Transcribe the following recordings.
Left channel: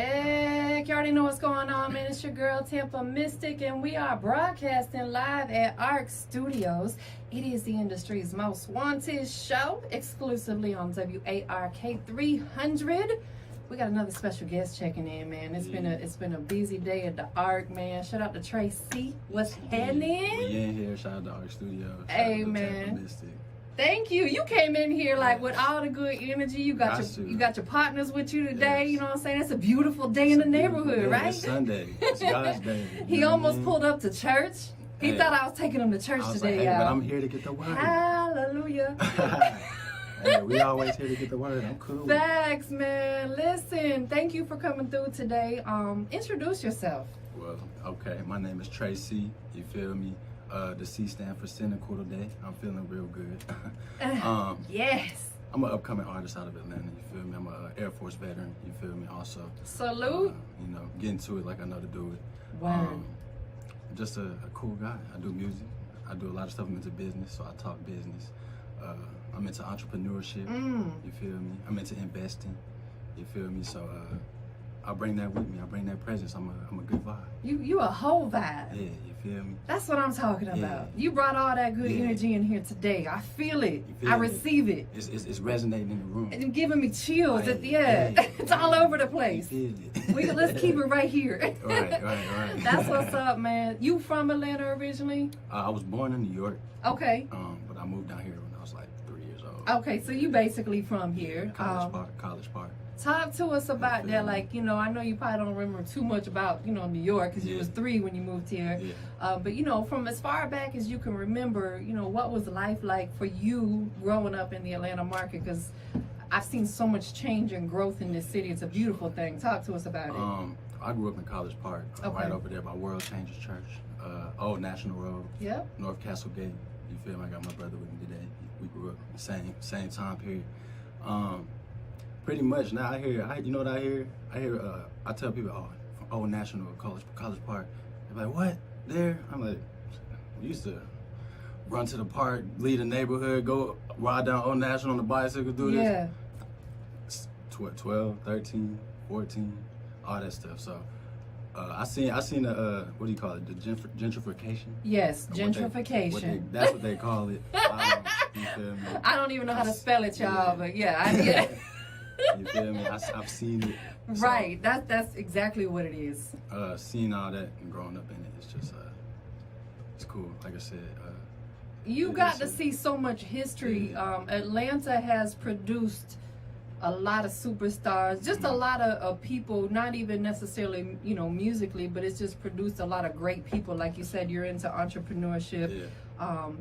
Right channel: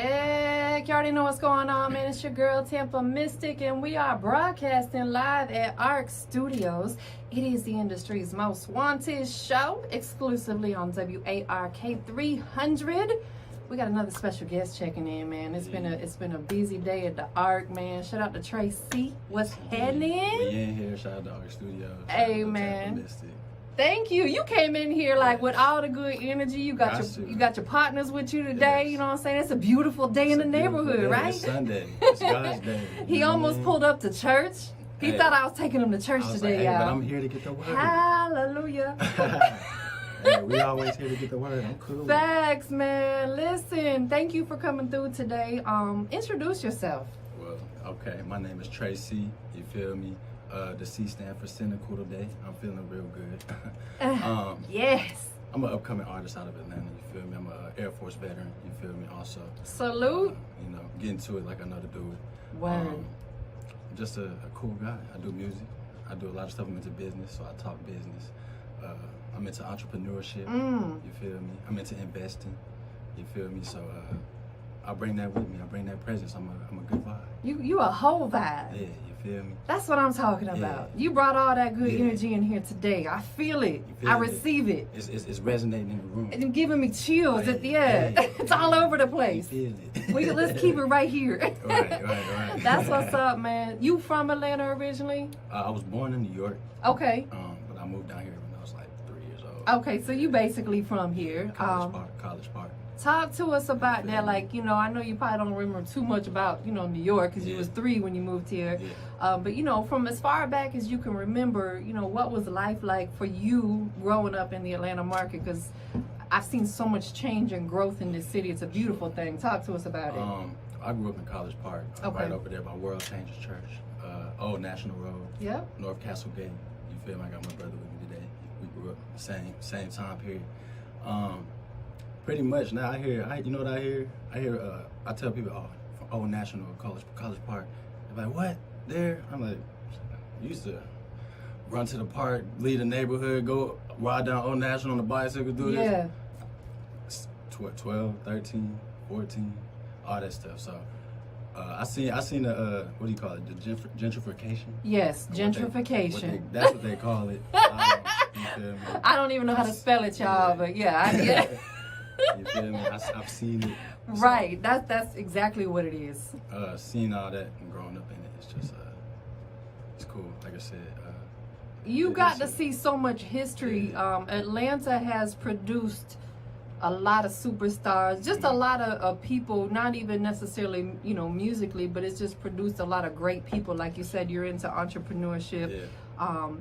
Check. You already know what's going on, man. It's your girl, TampaMystic, and we are broadcasting live at ARC Studios. It is the industry's most wanted show, exclusively on WARK 300. We got another special guest checking in, man. It's been a busy day at the ARC, man. Shout out to Tracy. What's happening? We in here. Shout out to ARC Studios. Hey, man. Thank you. You came in here like with all the good energy. You got your partners with you today. Yes. You know what I'm saying? It's a beautiful day in the neighborhood, right? It's Sunday. It's God's day. He almost pulled up to church. He thought I was taking him to church today, but I'm here to get the word. Hallelujah. Hey, we always here to get the word. I'm cool. Facts, man. Listen, thank you for coming through today. Introduce yourself. Well, okay. My name is Tracy. You feel me? The C stand for cynical today. I'm feeling real good. Yes. I'm an upcoming artist out of Atlanta. You feel me? I'm an Air Force veteran. You feel me? Also. Salute. You know, getting to it like I know to do it. Wow. Just a cool guy. I do music. I do a lot of stuff. I'm into business, so I talk business. I'm into entrepreneurship. You feel me? I'm into investing. You feel me? So I bring that with me. I bring that presence. I'm a good vibe. You a whole vibe. Yeah, you feel me? That's what I'm talking about. You brought all that good energy in here today. I feel it. I receive it. It's resonating in the room. And giving me chills at the end. It's all over the place. You feel it. Let's keep it right here. Right. That's what's up, man. You from Atlanta originally? I was born in New York. Okay. But I moved down here when I was like 3 years old. Okay, so you basically from here. College Park. Talk to us about that. Like, you know, I know you probably don't remember too much about, you know, New York because you was 3 when you moved here. Yeah. But, you know, from as far back as you can remember, you know, what was life like for you growing up in the Atlanta market? Because I've seen so much change and growth in this city. It's a beautiful thing. Talk to us about it. I grew up in College Park, right over there by World Changers Church, Old National Road, North Castle Gate. You feel me? I got my brother with me today. We grew up same time period. Pretty much now you know what I hear? I tell people, oh, from Old National College Park. They're like, what? There? I'm like, we used to run to the park, leave the neighborhood, go ride down Old National on the bicycle, do this. 12, 13, 14, all that stuff. So I seen the what do you call it? The gentrification. Yes, gentrification. That's what they call it. You feel me? I don't even know how to spell it, y'all, but I get it. You feel me? I've seen it. Right. That's exactly what it is. Seeing all that and growing up in it, it's just it's cool. Like I said, you got to see so much history. Atlanta has produced a lot of superstars, just a lot of people, not even necessarily, you know, musically, but it's just produced a lot of great people. Like you said, you're into entrepreneurship.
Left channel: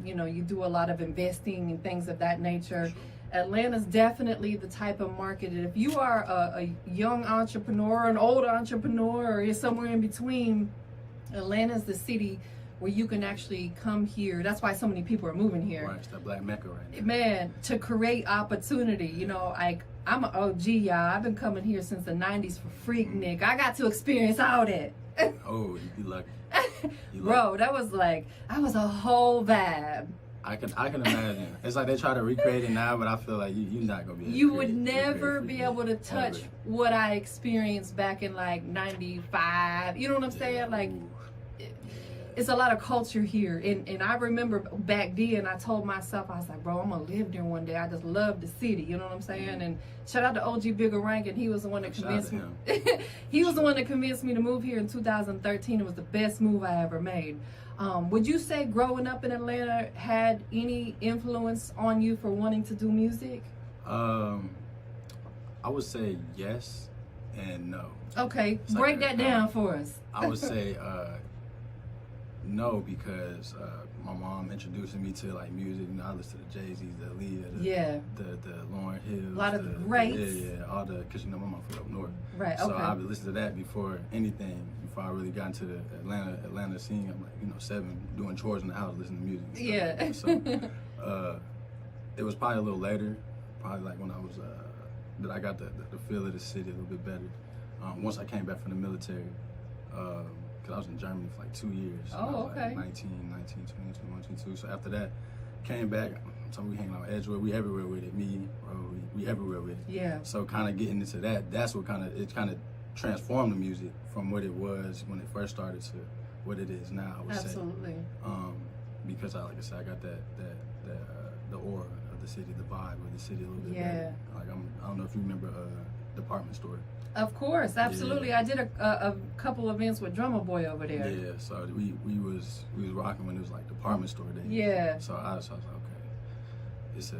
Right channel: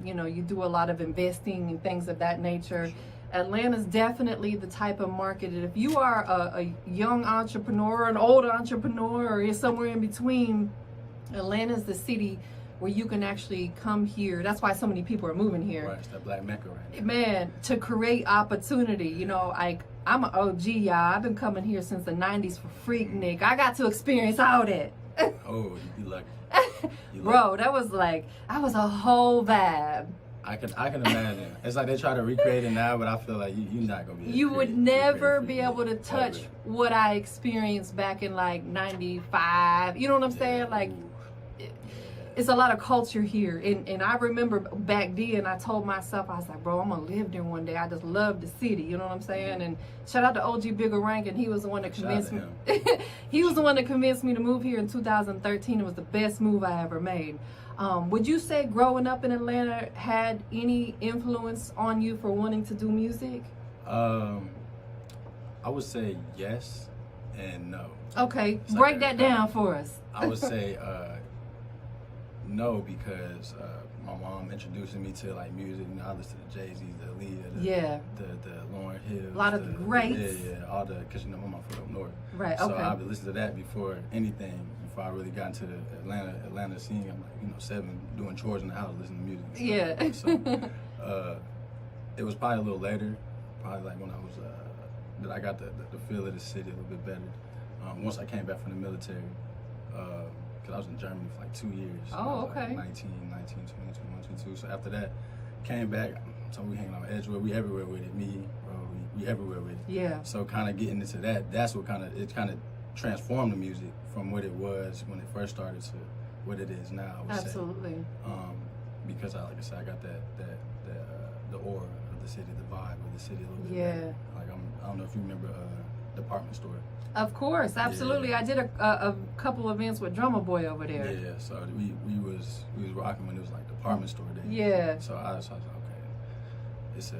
You know, you do a lot of investing and things of that nature. Atlanta's definitely the type of market that if you are a young entrepreneur, an old entrepreneur, or you're somewhere in between, Atlanta's the city where you can actually come here. That's why so many people are moving here. Right, it's that black mecca right now. Man, to create opportunity. You know, like, I'm an OG, y'all. I've been coming here since the 90s for Freaknik. I got to experience all that. Oh, you lucky. Bro, that was a whole vibe. I can imagine. It's like they try to recreate it now, but I feel like you're not gonna be. You would never be able to touch what I experienced back in like '95. You know what I'm saying? Like, it's a lot of culture here, and I remember back then I told myself, I was like, bro, I'm gonna live there one day. I just love the city. You know what I'm saying? And shout out to OG Bigger Rank, and he was the one that convinced me. He was the one that convinced me to move here in 2013. It was the best move I ever made. Would you say growing up in Atlanta had any influence on you for wanting to do music? I would say yes and no. Okay, break that down for us. I would say no, because my mom introduced me to like music. You know, I listened to Jay-Z, the Aaliyah, the Lauryn Hill, a lot of the greats. All the, because you know my mom from up north. Right. So I would listen to that before anything. Before I really got into the Atlanta scene, I'm like, you know, 7, doing chores in the house, listening to music. So it was probably a little later, probably like when I was that I got the feel of the city a little bit better. Once I came back from the military. I was in Germany for like 2 years. Oh, okay. Like 19, 20, 21, 22. So after that, came back. So we hanging out Edgewood. We everywhere with it. Me, bro, we everywhere with it. Yeah. So kind of getting into that. That's what kind of transformed the music from what it was when it first started to what it is now. I would Absolutely. say. Because like I said, I got the aura of the city, the vibe of the city a little bit better. Like I don't know if you remember Department Store. Of course, absolutely. Yeah. I did a couple events with Drummer Boy over there. Yeah, so we was rocking when it was like Department Store day. Yeah. So I was like, okay,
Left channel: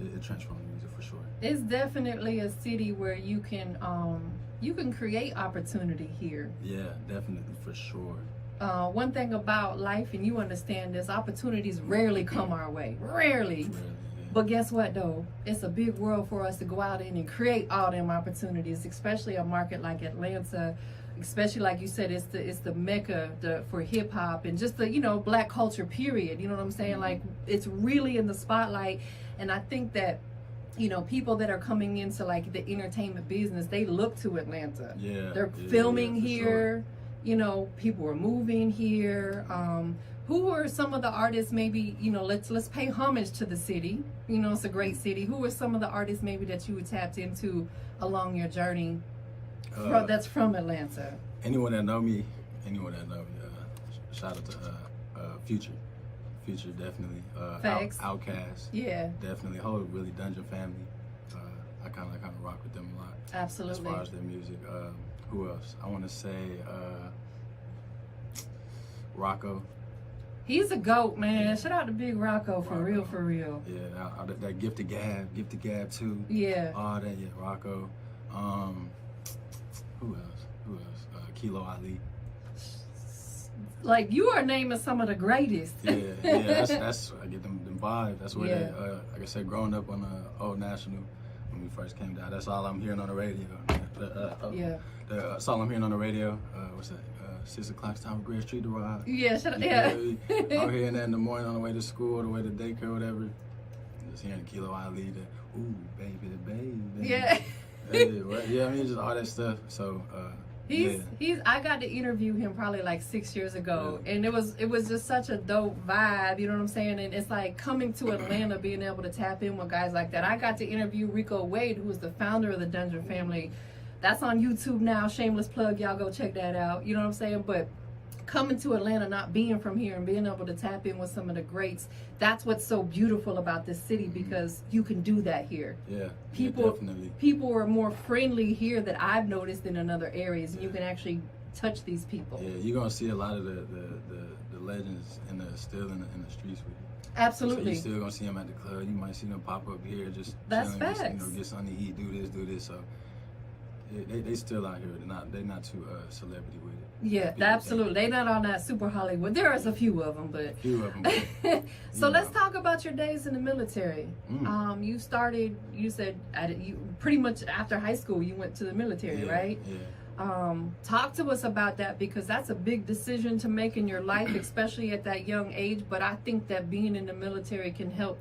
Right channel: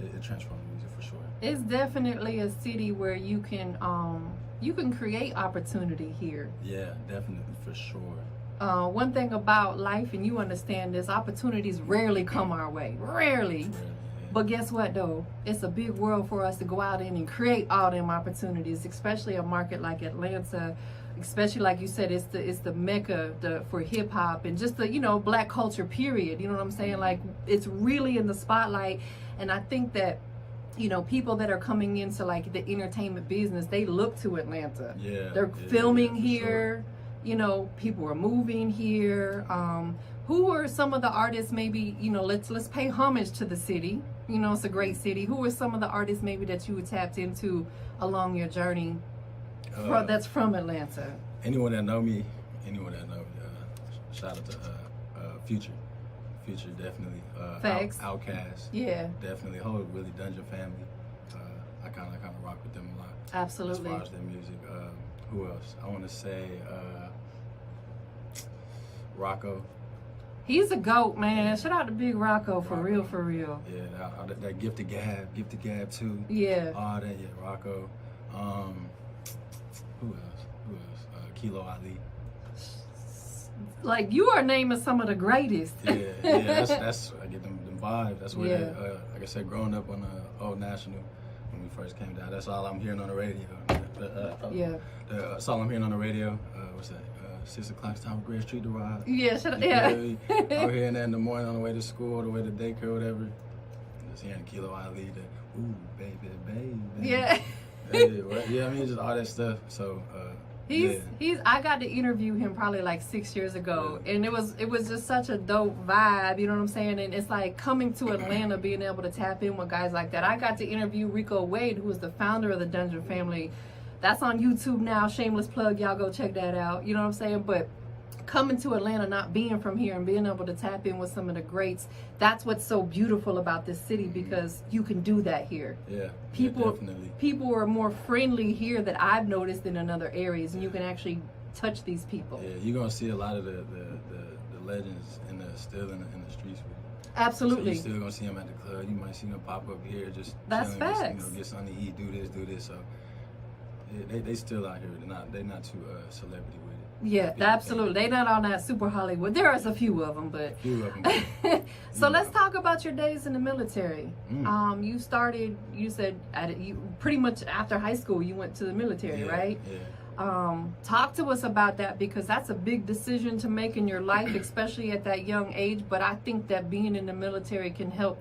it transformed music for sure. It's definitely a city where you can create opportunity here. Yeah, definitely for sure. One thing about life, and you understand this, opportunities rarely come our way. Rarely. But guess what though? It's a big world for us to go out in and create all them opportunities, especially a market like Atlanta, especially like you said, it's the mecca for hip hop and just the, you know, black culture period. You know what I'm saying? Like it's really in the spotlight. And I think that, you know, people that are coming into like the entertainment business, they look to Atlanta. Yeah. They're filming here. Sure. You know, people are moving here. Who are some of the artists maybe, you know, let's pay homage to the city. You know, it's a great city. Who are some of the artists maybe that you tapped into along your journey that's from Atlanta? Anyone that know me, shout out to Future. Future, definitely. Facts. Outkast. Yeah. Definitely. Whole really Dungeon family. I kind of rock with them a lot. Absolutely. As far as their music. Who else? I want to say Rocco. He's a GOAT, man. Shout out to Big Rocco, for real, for real. Yeah, that Gifted Gab too. Yeah. All that, yeah, Rocco. Who else? Kilo Ali. Like, you are naming some of the greatest. Yeah, that's I get them vibes. That's where they, like I said, growing up on Old National when we first came down. That's all I'm hearing on the radio. That's all I'm hearing on the radio. What's that? 6 o'clock time for Grand Street to ride. Yeah, I'm hearing that in the morning on the way to school, the way to daycare, whatever. Just hearing Kilo Ali, the ooh, baby. Yeah. Yeah, I mean, just all that stuff. So, he's I got to interview him probably like 6 years ago, and it was just such a dope vibe, you know what I'm saying? And it's like coming to Atlanta, being able to tap in with guys like that. I got to interview Rico Wade, who is the founder of the Dungeon family. That's on YouTube now. Shameless plug, y'all go check that out. You know what I'm saying? But coming to Atlanta, not being from here and being able to tap in with some of the greats, that's what's so beautiful about this city, because you can do that here. Yeah, definitely. People are more friendly here that I've noticed than in other areas, and you can actually touch these people. Yeah, you're gonna see a lot of the legends still in the streets with you. Absolutely. So you're still gonna see them at the club. You might see them pop up here, just that's facts. Get something to eat, do this. So they still out here. They're not too celebrity with it. Yeah, absolutely. They're not on that super Hollywood. There is a few of them, but. So let's talk about your days in the military. You started. You said you pretty much after high school you went to the military, right? Yeah. Talk to us about that, because that's a big decision to make in your life, especially at that young age. But I think that being in the military can help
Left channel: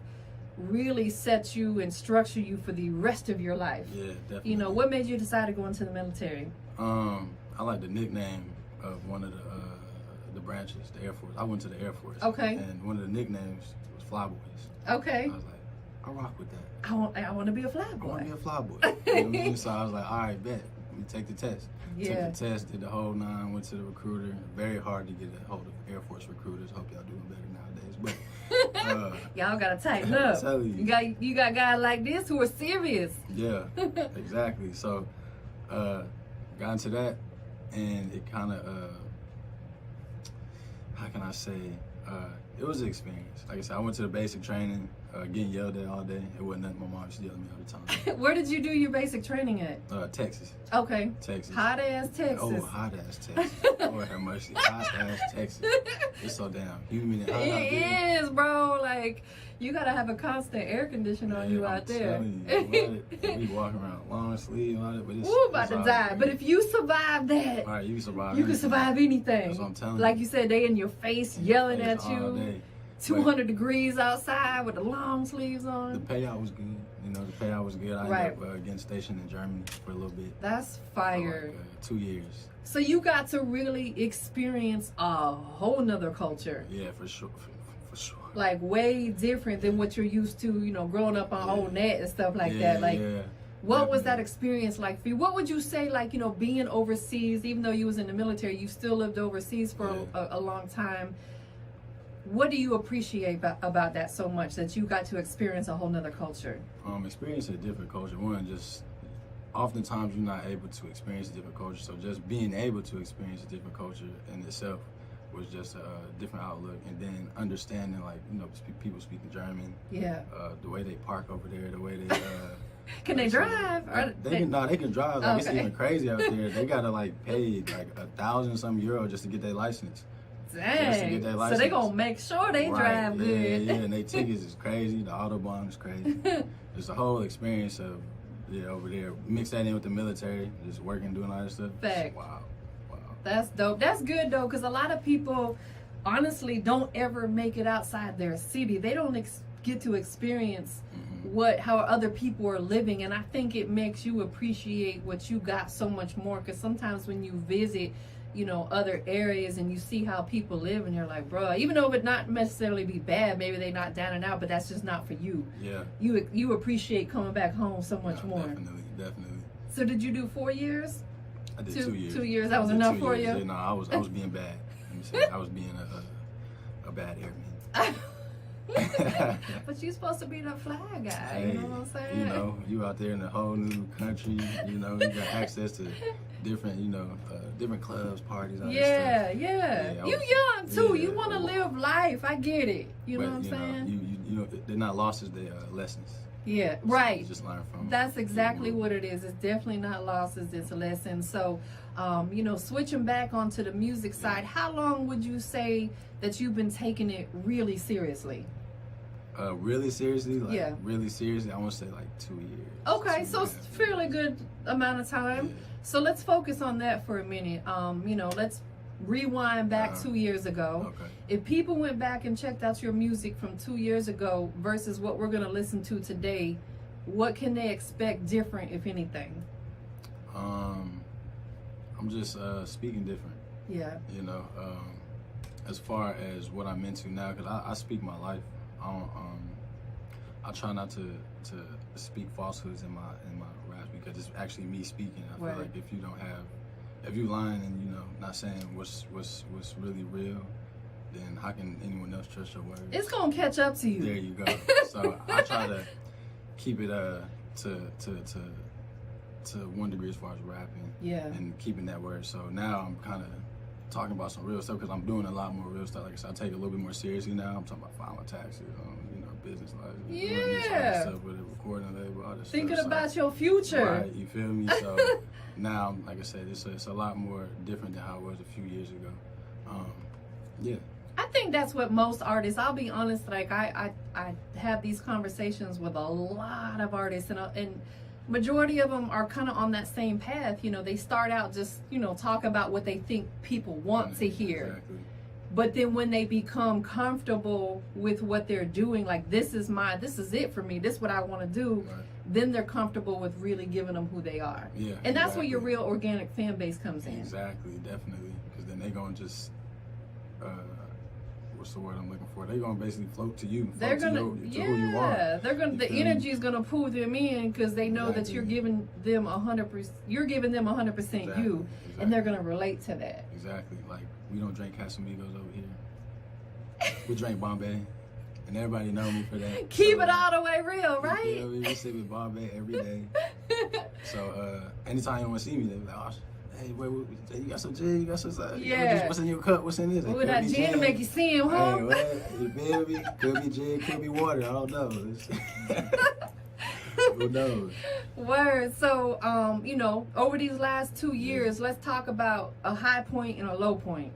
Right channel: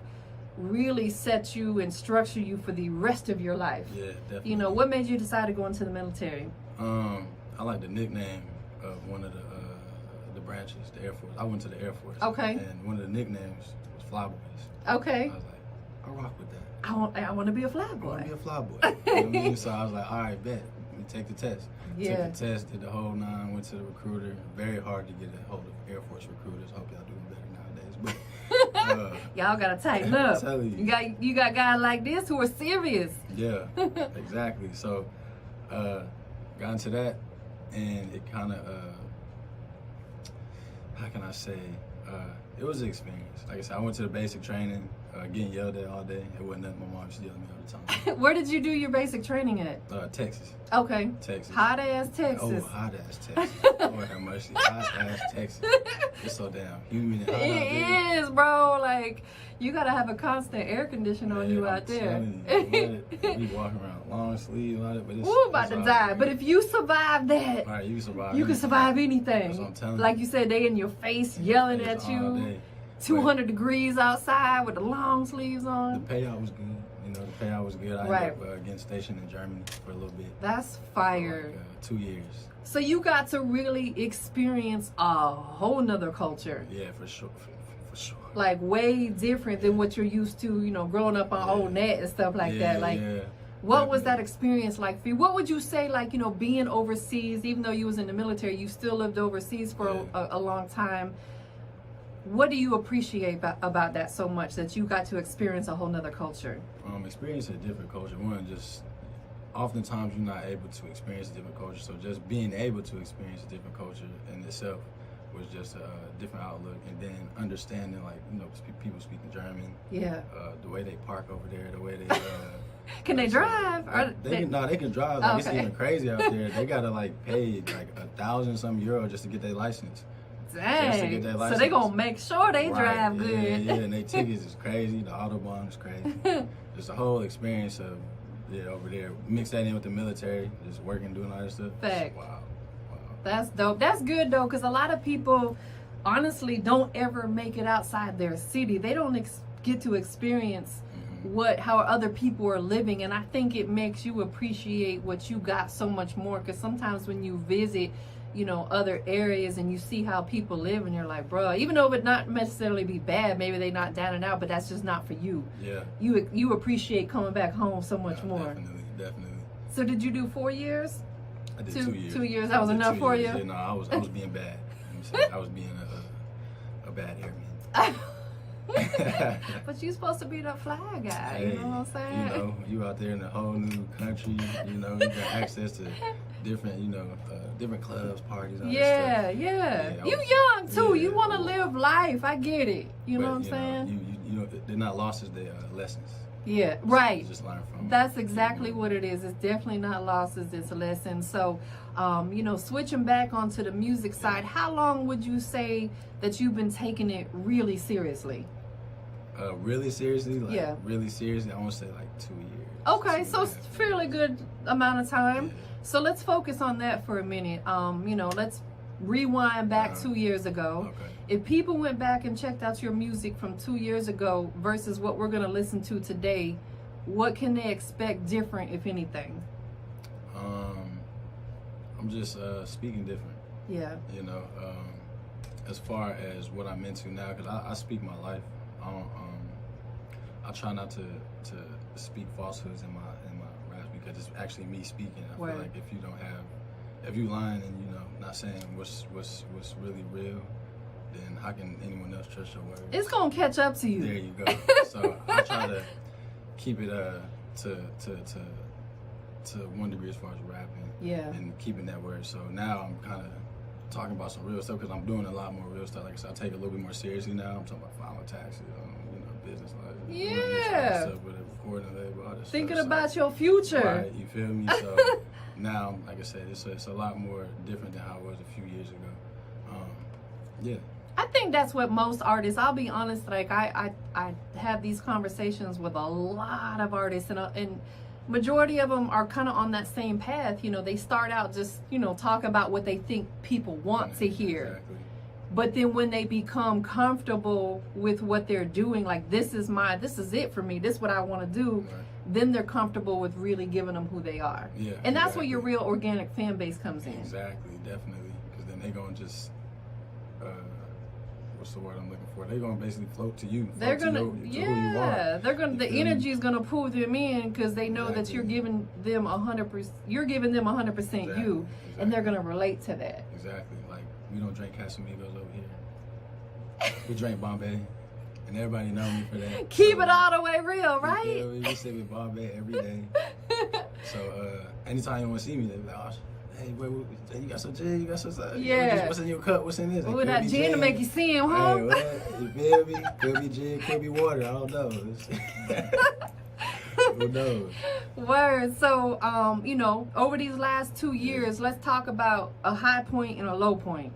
really set you and structure you for the rest of your life. Yeah, definitely. You know, what made you decide to go into the military? I like the nickname of one of the branches, the Air Force. I went to the Air Force. Okay. And one of the nicknames was Flyboys. Okay. I was like, I rock with that. I want to be a flyboy. I want to be a flyboy. You know what I mean? So I was like, all right, bet. Let me take the test. Yeah. Took the test, did the whole 9, went to the recruiter. Very hard to get a hold of Air Force recruiters. Hope y'all doing better nowadays. But y'all gotta tighten up. I'm telling you. You got guys like this who are serious. Yeah, exactly. So got into that, and it kind of how can I say, it was an experience. Like I said, I went to the basic training, getting yelled at all day. It wasn't nothing. My mom used to yell at me all the time. Where did you do your basic training at? Texas. Okay. Texas. Hot ass Texas. Oh, hot ass Texas. Lord have mercy. Hot ass Texas. It's so damn humid and hot out there. It is, bro. Like, you gotta have a constant air conditioner on you out there. We walking around long sleeves and all that, but it's about to die. Great. But if you survive that, all right, you survive. You can survive anything. That's what I'm telling you. Like you said, they in your face yelling at you. 200 degrees outside with the long sleeves on. The payout was good. You know, the payout was good. I ended up getting stationed in Germany for a little bit. That's fire. For like, 2 years. So you got to really experience a whole nother culture. Yeah, for sure. For sure. Like way different than what you're used to, you know, growing up on old net and stuff like that. Like, What was that experience like for you? What would you say, like, you know, being overseas, even though you was in the military, you still lived overseas for a long time. What do you appreciate about that so much, that you got to experience a whole nother culture? Experience a different culture. One, just oftentimes you're not able to experience a different culture. So just being able to experience a different culture in itself was just a different outlook. And then understanding, like, you know, people speaking German. Yeah. The way they park over there, the way they... Can they drive? They can drive. Like, it's even crazy out there. They gotta like pay like €1,000 €1,000 just to get their license. Dang. Just to get that license. So they gonna make sure they drive good. Yeah, and their tickets is crazy. The Autobahn is crazy. Just the whole experience of over there. Mix that in with the military, just working, doing all that stuff. Fact. Wow. That's dope. That's good though, because a lot of people honestly don't ever make it outside their city. They don't get to experience how other people are living, and I think it makes you appreciate what you got so much more, because sometimes when you visit, you know, other areas and you see how people live, and you're like, bro, even though it would not necessarily be bad, maybe they're not down and out, but that's just not for you. Yeah. You appreciate coming back home so much more. Definitely. So did you do 4 years? I did 2 years. 2 years. That was enough for you? Yeah, no, I was being bad. I was being a bad airman. But you're supposed to be the fly guy, hey, you know what I'm saying? You know, you out there in a whole new country, you know, you got access to different, you know, different clubs, parties, all that stuff. Yeah. You young too. You want to live life. I get it. You know what I'm saying? You know, they're not losses, they're lessons. Yeah, right. You just learn from That's exactly what it is. It's definitely not losses, it's lessons. So, you know, switching back onto the music side, how long would you say that you've been taking it really seriously? Really seriously? Like, really seriously, I want to say like 2 years. Okay, so it's fairly good amount of time. Yeah. So let's focus on that for a minute. You know, let's rewind back 2 years ago. Okay. If people went back and checked out your music from 2 years ago versus what we're going to listen to today, what can they expect different, if anything? I'm just speaking different. Yeah. You know, as far as what I'm into now, because I speak my life. I try not to speak falsehoods in my raps, because it's actually me speaking. I feel like if you lying and, you know, not saying what's really real, then how can anyone else trust your words? It's gonna catch up to you. There you go. So I try to keep it to one degree as far as rapping. Yeah. And keeping that word. So now I'm kind of talking about some real stuff, because I'm doing a lot more real stuff. Like I said, I take it a little bit more seriously now. I'm talking about filing taxes, you know, business life. Yeah. Stuff with it, recording label, all this Thinking stuff. about your future. Right, you feel me? So now, like I said, it's a lot more different than how it was a few years ago. Yeah. I think that's what most artists, I'll be honest, like I have these conversations with a lot of artists, and majority of them are kind of on that same path. You know, they start out just, you know, talk about what they think people want to hear. Exactly. But then when they become comfortable with what they're doing, like this is it for me, this is what I want to do, then they're comfortable with really giving them who they are. Yeah. And that's where your real organic fan base comes in. Exactly, definitely. Because then they're going to just, what's the word I'm looking for? They're going to basically float to you. They're going to, who you are. The energy is going to pull them in, because they know that you're giving them 100%, you're giving them 100% you, and they're going to relate to that. Exactly. Like, we don't drink Casamigos over here. We drink Bombay, and everybody know me for that. Keep it all the way real, right? Yeah, we sit with Bombay every day. So anytime you want to see me, they be like, oh, hey, you got some gin? You got some? Yeah. What's in your cup? What's in this? Ooh, that gin to make you see him, huh? Hey, what? You feel me? Could be gin, could be water. I don't know. Who knows? Word. So, you know, over these last 2 years, let's talk about a high point and a low point,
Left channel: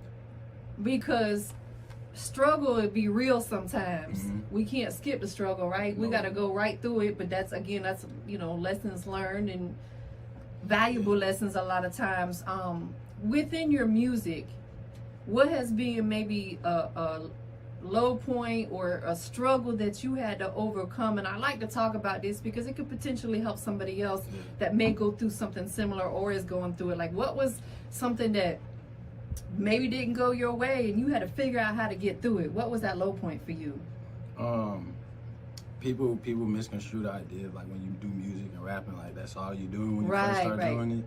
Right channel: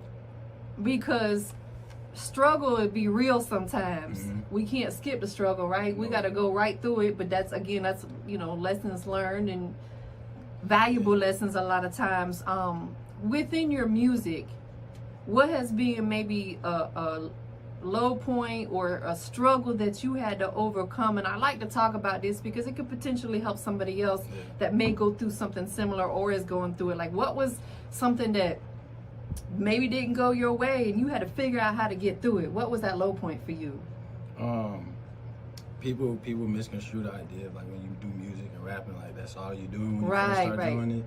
because struggle would be real sometimes. We can't skip the struggle, right? We got to go right through it. But that's, you know, lessons learned and valuable lessons a lot of times. Within your music, what has been maybe a low point or a struggle that you had to overcome? And I like to talk about this because it could potentially help somebody else that may go through something similar or is going through it. Like, what was something that maybe didn't go your way and you had to figure out how to get through it? What was that low point for you? people misconstrue the idea of like when you do music and rapping, like that's all you do when you first start doing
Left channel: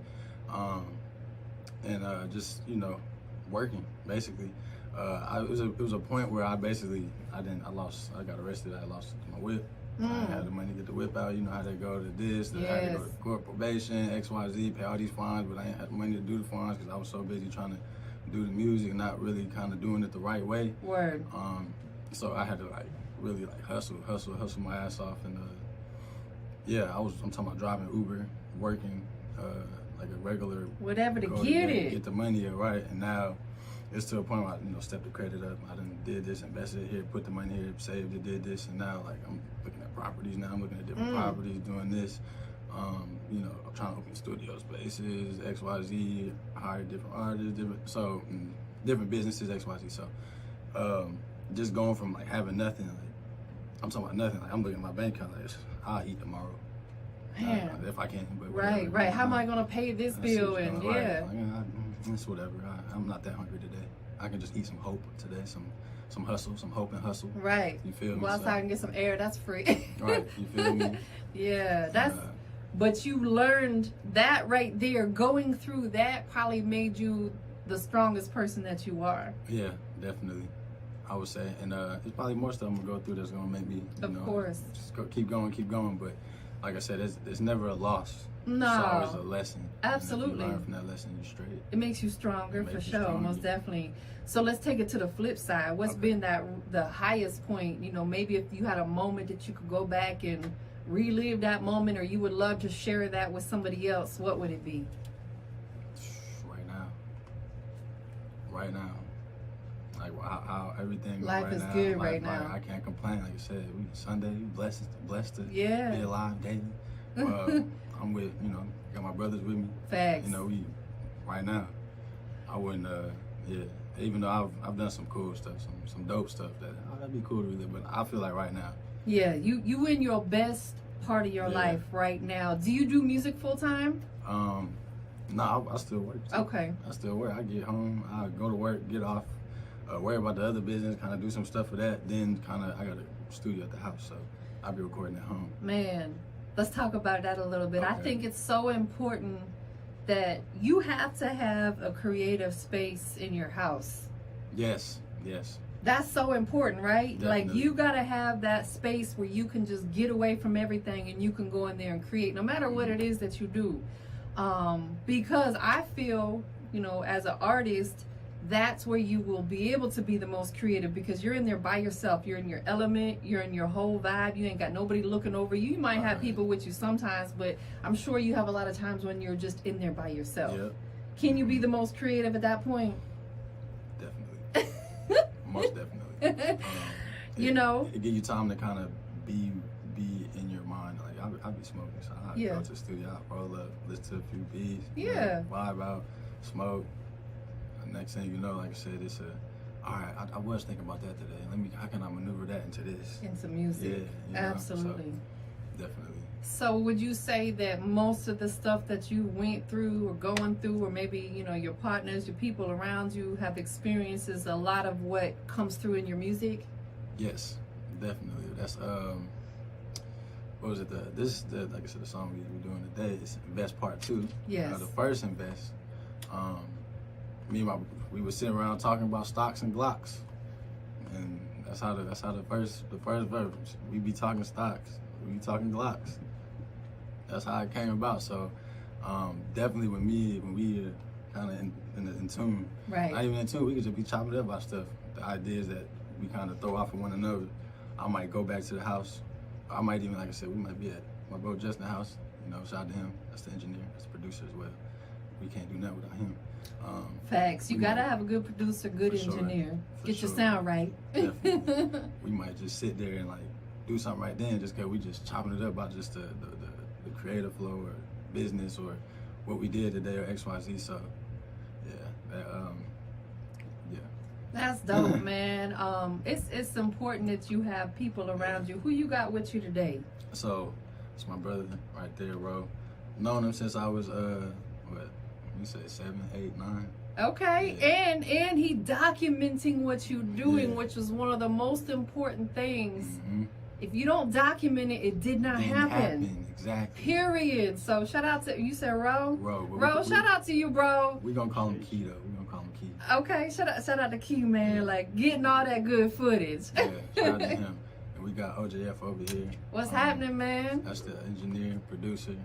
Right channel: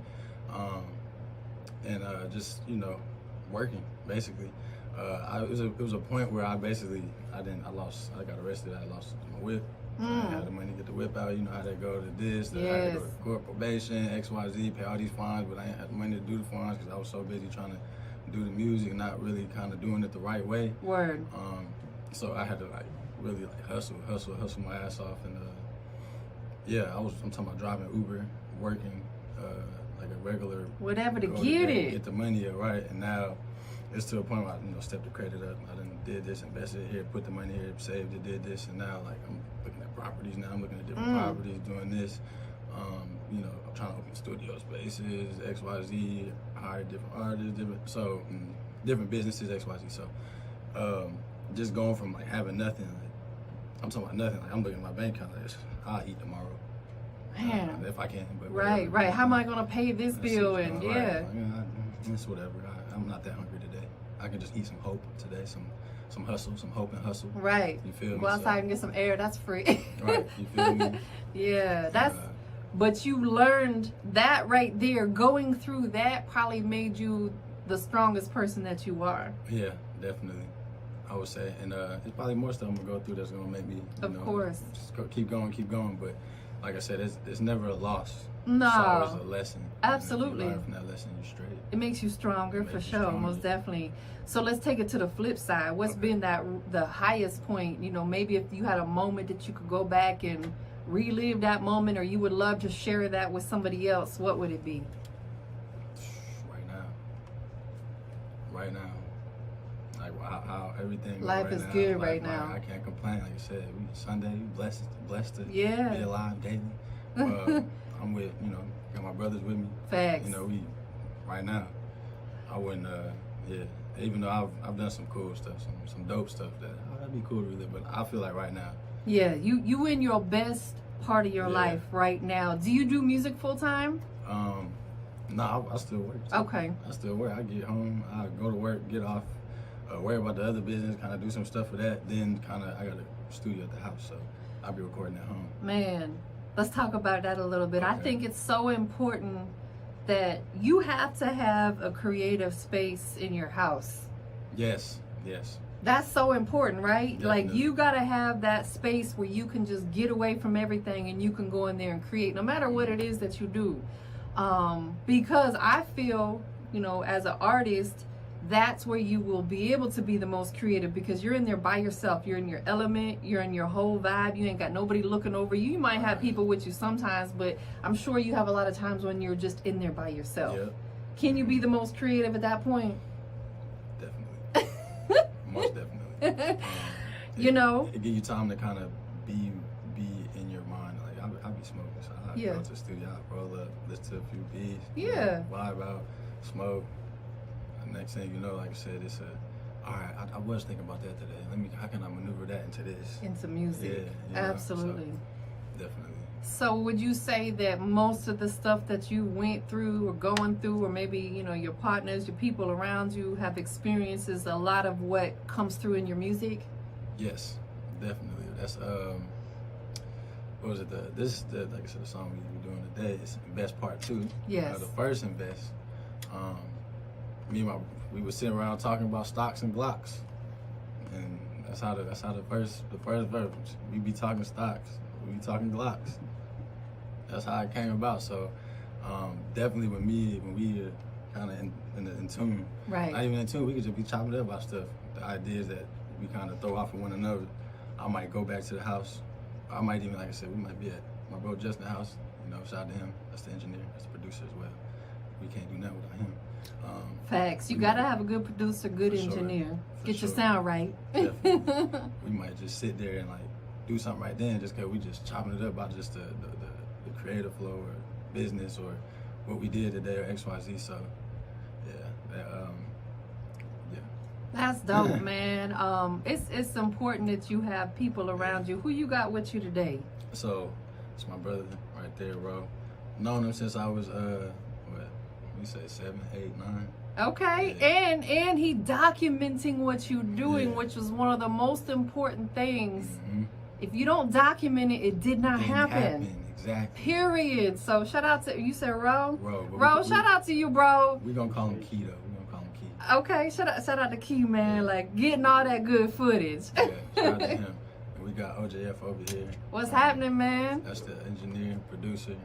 it. Just, you know, working basically. It was a point where I got arrested. I lost my whip. I had the money to get the whip out. You know how they go to this, I had to go to court, probation, XYZ, pay all these fines, but I ain't had the money to do the fines because I was so busy trying to do the music, not really kind of doing it the right way. Word. So I had to like really like hustle my ass off, and I'm talking about driving Uber, working like a regular whatever to get the money up, right? And now it's to a point where I, you know, stepped the credit up. I done did this, invested here, put the money here, saved it, did this, and now like I'm looking at properties now. I'm looking at different properties, doing this. You know, I'm trying to open studio spaces, XYZ, hire different artists, different businesses, XYZ. So just going from like having nothing, like I'm talking about nothing. Like I'm looking at my bank account, like I'll eat tomorrow. Man. If I can. But right. How am I gonna pay this bill? And it's whatever. I'm not that hungry today. I can just eat some hope today, some hustle, some hope and hustle. Right. You feel me? Go outside and get some air. That's free. Right. You feel me? Yeah. That's. But you learned that right there. Going through that probably made you the strongest person that you are. Yeah, definitely. I would say, and it's probably more stuff I'm gonna go through that's gonna make me, of course, just keep going. But like I said, it's never a loss. No, it's always a lesson. Absolutely. And if you learn from that lesson, you're straight. It makes you stronger for sure, most definitely. So let's take it to the flip side. What's been the highest point? You know, maybe if you had a moment that you could go back and relive that moment, or you would love to share that with somebody else, what would it be? Right now. Like how everything life is now. good right now. I can't complain. Like you said, we Sunday, blessed to be alive daily. I'm with, you know, got my brothers with me. Facts. You know, we right now. I wouldn't. Even though I've done some cool stuff, some dope stuff that'd be cool to relive. But I feel like right now. Yeah, you in your best part of your life right now. Do you do music full time? No, I still work. Okay. I still work. I get home, I go to work, get off. Worry about the other business, kind of do some stuff for that. Then I got a studio at the house, so I'll be recording at home. Man, let's talk about that a little bit. I think it's so important that you have to have a creative space in your house. Yes. That's so important, right? Definitely. Like you gotta have that space where you can just get away from everything and you can go in there and create, no matter what it is that you do. Because I feel, you know, as an artist, that's where you will be able to be the most creative, because you're in there by yourself. You're in your element. You're in your whole vibe. You ain't got nobody looking over you. You might have people with you sometimes, but I'm sure you have a lot of times when you're just in there by yourself. Yep. Can you be the most creative at that point? Definitely. Most definitely. You know? It gives you time to kind of be in your mind. Like, I'll be smoking, so I'll go to the studio, I'll roll up, listen to a few beats, vibe out, smoke. Next thing you know, like I said, it's all right, I was thinking about that today. How can I maneuver that into this? Into music. Yeah. Absolutely. So, definitely. So would you say that most of the stuff that you went through or going through, or maybe, you know, your partners, your people around you have experiences, a lot of what comes through in your music? Yes, definitely. That's, what was it? Like I said, the song we doing today is Invest Part 2. Yes. The first Invest, we were sitting around talking about stocks and Glocks, and that's how the first verse. We be talking stocks, we be talking Glocks. That's how it came about. So definitely with me, when we kind of in tune, right? Not even in tune, we could just be chopping up about stuff. The ideas that we kind of throw off of one another. I might go back to the house. I might even, like I said, we might be at my bro Justin's house. You know, shout out to him. That's the engineer. That's the producer as well. We can't do nothing without him. Facts. You gotta have a good producer, good engineer. Get your sound right. Definitely. We might just sit there and like do something right then, just because we just chopping it up about just the creative flow or business or what we did today or XYZ. So that's dope, man. It's important that you have people around you. Who you got with you today? So it's my brother right there, bro. Known him since I was we say 7, 8, 9. Okay, and he documenting what you're doing, which is one of the most important things If you don't document it, it did not happen. Exactly. Period. So shout out to, you said Ro? Ro, shout out to you, bro. We're going to call him Key, though. We're going to call him Key. Okay, shout out to Key, man. Like, getting all that good footage. Yeah, shout out to him. And we got OJF over here. What's happening, man? That's the engineer, producer,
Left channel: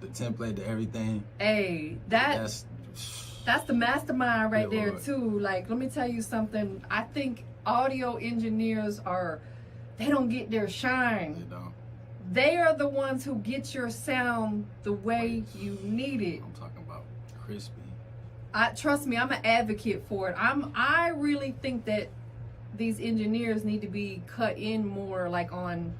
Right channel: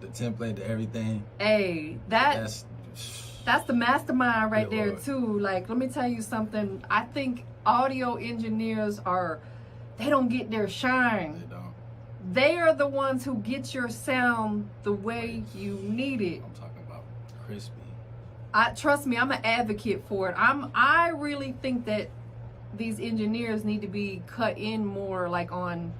the template, the everything. Hey, that's the mastermind right there, Lord. too. Like, let me tell you something. I think audio engineers they don't get their shine. They don't. They are the ones who get your sound the way you need it. I'm talking about crispy. Trust me, I'm an advocate for it. I really think that these engineers need to be cut in more, like on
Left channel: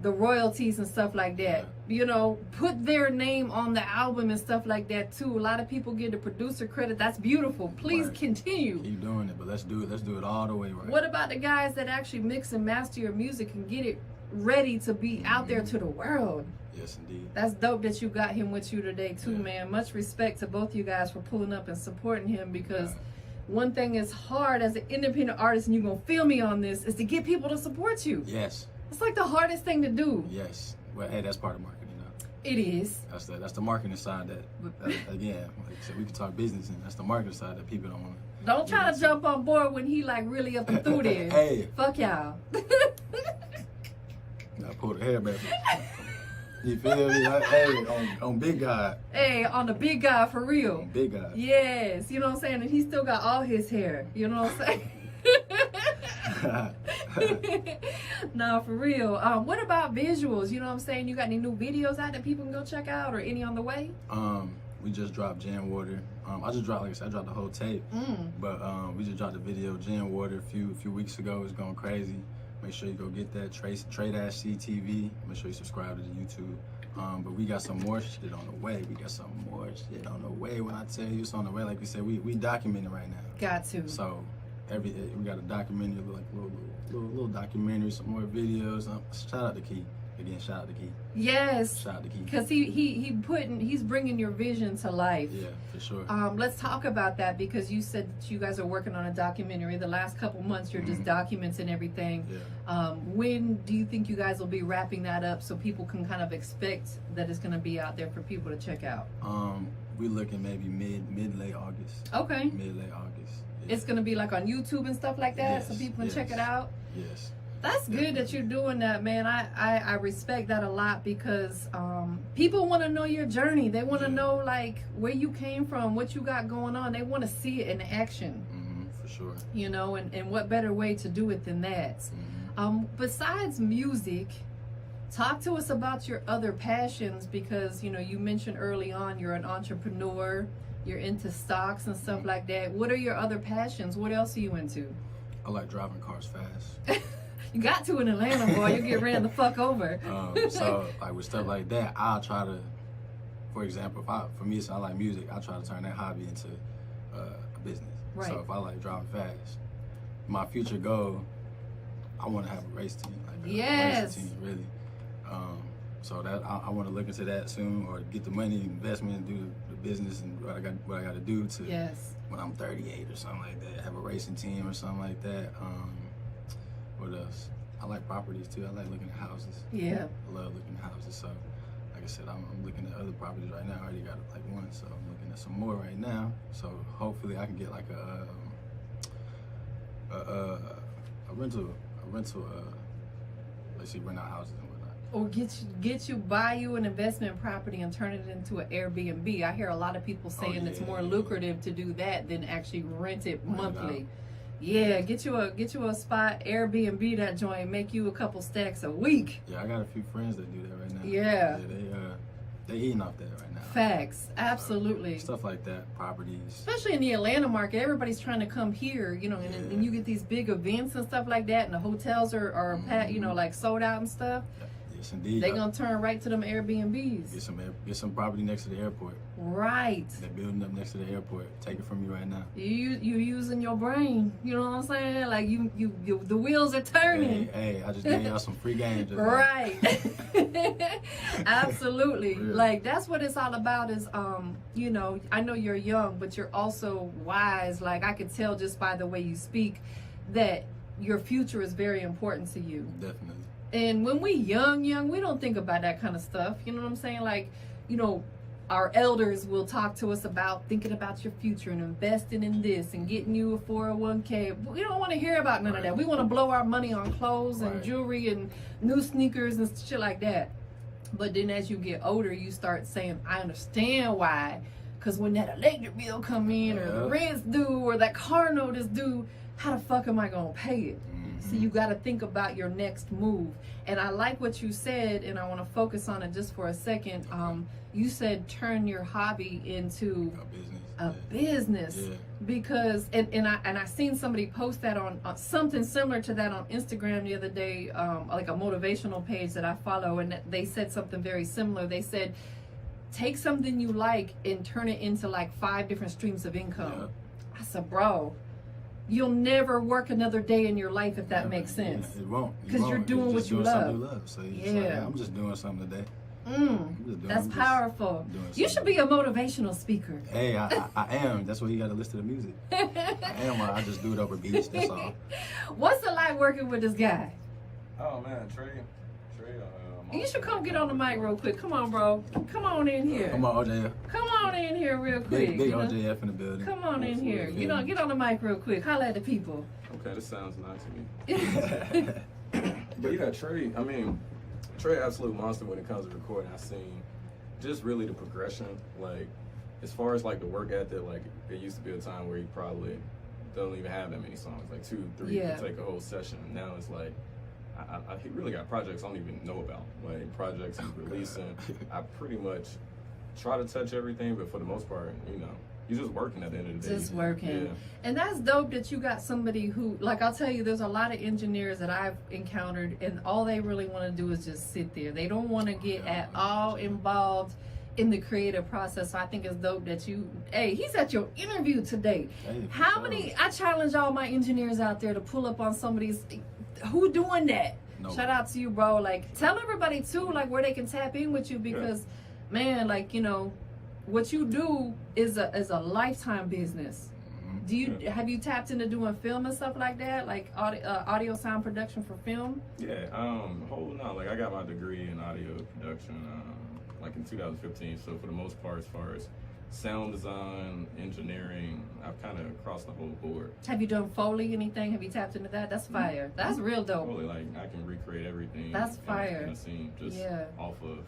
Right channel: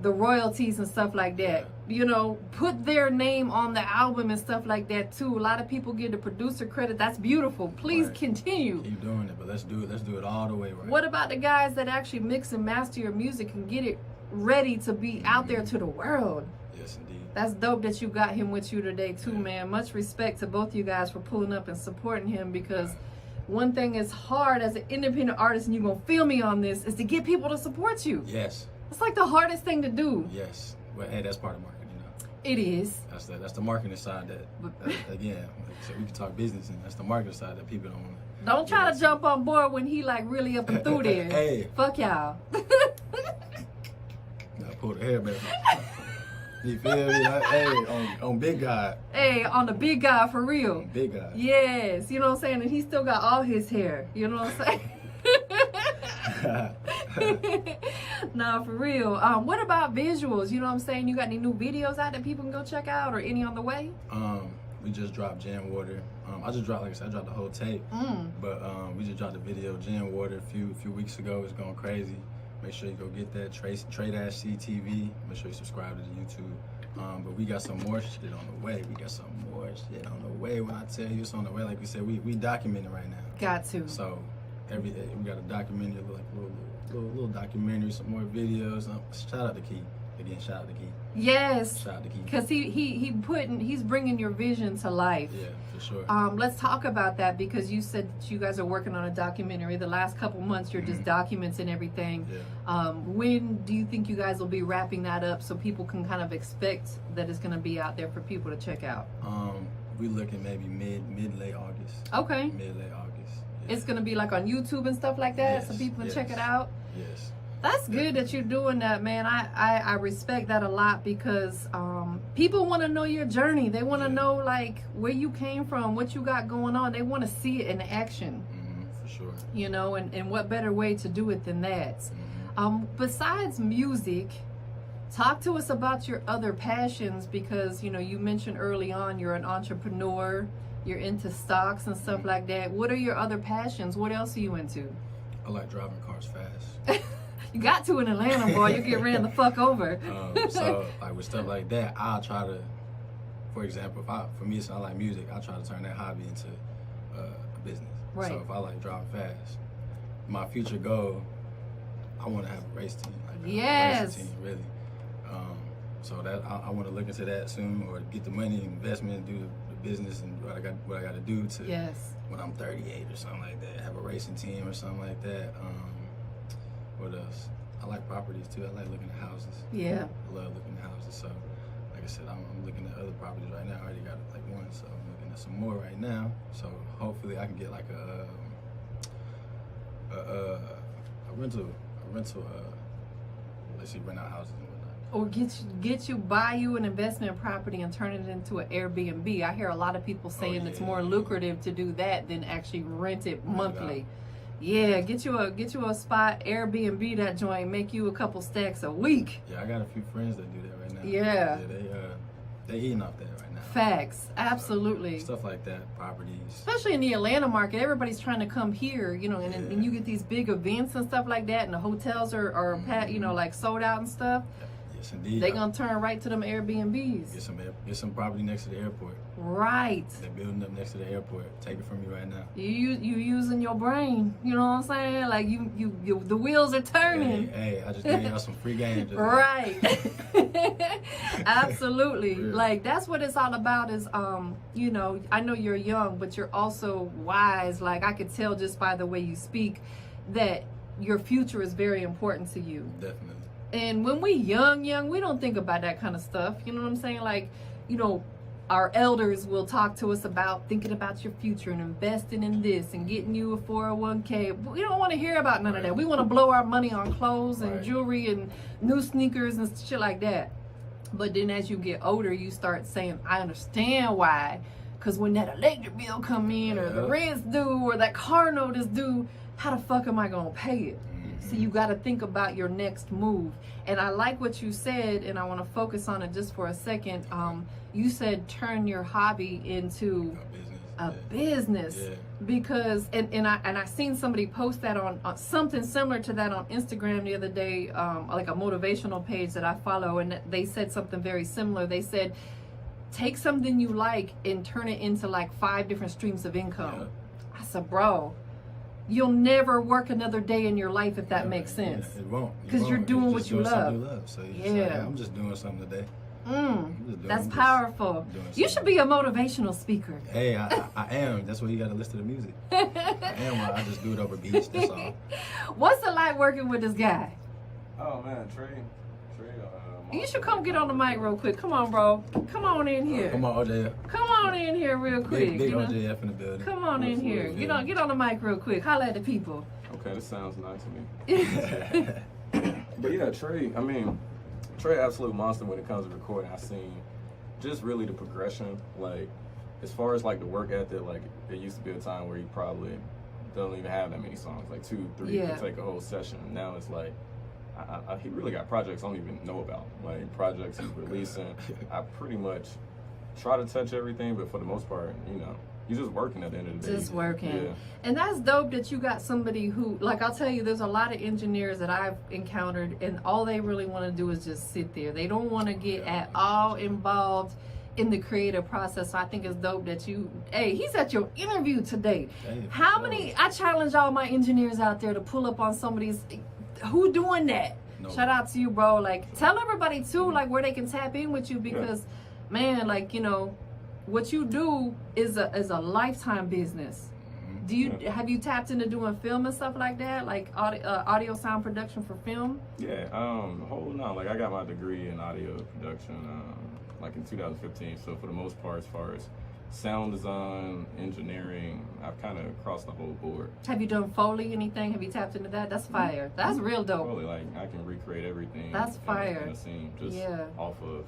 the royalties and stuff like that. You know, put their name on the album and stuff like that too. A lot of people give the producer credit. That's beautiful. Please continue. Keep doing it, but let's do it all the way right. What about the guys that actually mix and master your music and get it ready to be out there to the world? Yes, indeed. That's dope that you got him with you today too, man. Much respect to both you guys for pulling up and supporting him, because one thing is hard as an independent artist, and you're gonna feel me on this, is to get people to support you. Yes. It's like the hardest thing to do. Yes. Well, hey, that's part of marketing, you know. It is. That's the marketing side that again, like I said, we can talk business, and that's the marketing side that people don't want to. Don't try to jump on board when he like really up and through there. Hey. Fuck y'all. I pulled the hair back. You feel me? Hey, on big guy. Hey, on the big guy for real. On big guy. Yes, you know what I'm saying? And he still got all his hair. You know what I'm saying? No, for real. What about visuals? You know what I'm saying? You got any new videos out that people can go check out, or any on the way? We just dropped Jan Water. I just dropped, like I said, I dropped the whole tape. But we just dropped the video Jan Water a few weeks ago. It's going crazy. Make sure you go get that Tre-C TV. Make sure you subscribe to the YouTube. But we got some more shit on the way. We got some more shit on the way. When I tell you it's on the way, like we said, we documenting right now. Got to. So everything, we got a documentary, like little documentary, some more videos. Shout out to Key. Again, shout out to Key. Yes. Shout out to Key. Because he's bringing your vision to life. Yeah, for sure. Let's talk about that, because you said that you guys are working on a documentary. The last couple months, you're just documenting everything. Yeah. When do you think you guys will be wrapping that up so people can kind of expect that it's going to be out there for people to check out? We looking maybe mid-late August. Okay. Mid-late August. Yeah. It's going to be like on YouTube and stuff like that, so people can check it out? Yes. That's good that you're doing that, man. I respect that a lot, because people want to know your journey. They want to know like where you came from, what you got going on. They want to see it in action. For sure. You know, and what better way to do it than that? Besides music, talk to us about your other passions, because you know, you mentioned early on you're an entrepreneur, you're into stocks and stuff like that. What are your other passions? What else are you into? I like driving cars fast. You got to in Atlanta, boy. You get ran the fuck over. So, like with stuff like that, I'll try to, for example, for me, I like music, I try to turn that hobby into a business. Right. So if I like driving fast, my future goal, I want to have a race team. Like a racing team, really. So that I want to look into that soon, or get the money, investment, and do the business and what I got to do to when I'm 38 or something like that, have a racing team or something like that. What else? I like properties too. I like looking at houses. Yeah. I love looking at houses. So, like I said, I'm looking at other properties right now. I already got like one, so I'm looking at some more right now. So hopefully I can get like a rental. Let's see, rent out houses and whatnot. Or buy you an investment property and turn it into an Airbnb. I hear a lot of people saying it's more lucrative to do that than actually rent it monthly. Yeah, get you a spot, Airbnb that joint, make you a couple stacks a week. Yeah, I got a few friends that do that right now. Yeah. They eating off that right now. Facts, absolutely. Stuff like that, properties. Especially in the Atlanta market, everybody's trying to come here, you know, and you get these big events and stuff like that, and the hotels are you know, like sold out and stuff. Yes, indeed. They're gonna turn right to them Airbnbs. Get some property next to the airport. Right. They're building up next to the airport. Take it from me right now. You using your brain. You know what I'm saying? Like you the wheels are turning. Hey, I just gave y'all some free games. Right. Absolutely. Like that's what it's all about. Is you know, I know you're young, but you're also wise. Like I could tell just by the way you speak that your future is very important to you. Definitely. And when we young, we don't think about that kind of stuff. You know what I'm saying? Like, you know, our elders will talk to us about thinking about your future and investing in this and getting you a 401k. We don't want to hear about none of that. We want to blow our money on clothes and jewelry and new sneakers and shit like that. But then as you get older, you start saying, I understand why. Because when that electric bill come in or the rent's due or that car note is due, how the fuck am I going to pay it? So you got to think about your next move. And I like what you said, and I want to focus on it just for a second. You said turn your hobby into a business. Because and I seen somebody post that on something similar to that on Instagram the other day, like a motivational page that I follow, and they said something very similar. They said, take something you like and turn it into like 5 different streams of income. I said, bro, you'll never work another day in your life if that makes sense. It won't. Because you're doing what you love. So like, I'm just doing something today. That's powerful. You should be a motivational speaker. Hey, I am. That's why you got to listen to music. I am. I just do it over beats. That's all. What's it like working with this guy? Oh man, Tre. You should come get on the mic real quick. Come on, bro. Come on in here. Come on, OJF. Come on in here real quick. Big OJF in the building. Come on in here. You know, get on the mic real quick. Holla at the people. Okay, this sounds nice to me. But yeah, Tre. I mean, Tre, absolute monster when it comes to recording. I've seen just really the progression. Like, as far as like the work ethic, like it used to be a time where you probably don't even have that many songs, like 2, 3 to take a whole session. Now it's like. He really got projects I don't even know about. Like projects he's releasing. I pretty much try to touch everything, but for the most part, you know, you're just working at the end of the day. Just working. And that's dope that you got somebody who, like I'll tell you, there's a lot of engineers that I've encountered and all they really want to do is just sit there. They don't want to get at all involved in the creative process. So I think it's dope that he's at your interview today. How many, I challenge all my engineers out there to pull up on somebody's, who doing that? No. Shout out to you, bro. Like, tell everybody too, like, where they can tap in with you because, man, like, you know, what you do is a lifetime business. Do you have you tapped into doing film and stuff like that, like audio sound production for film? Yeah, holding on. Like, I got my degree in audio production, like in 2015. So for the most part, as far as sound design, engineering, I've kind of crossed the whole board. Have you done Foley, anything? Have you tapped into that? That's fire. That's real dope. Foley, like, I can recreate everything. That's fire. In the scene, just off of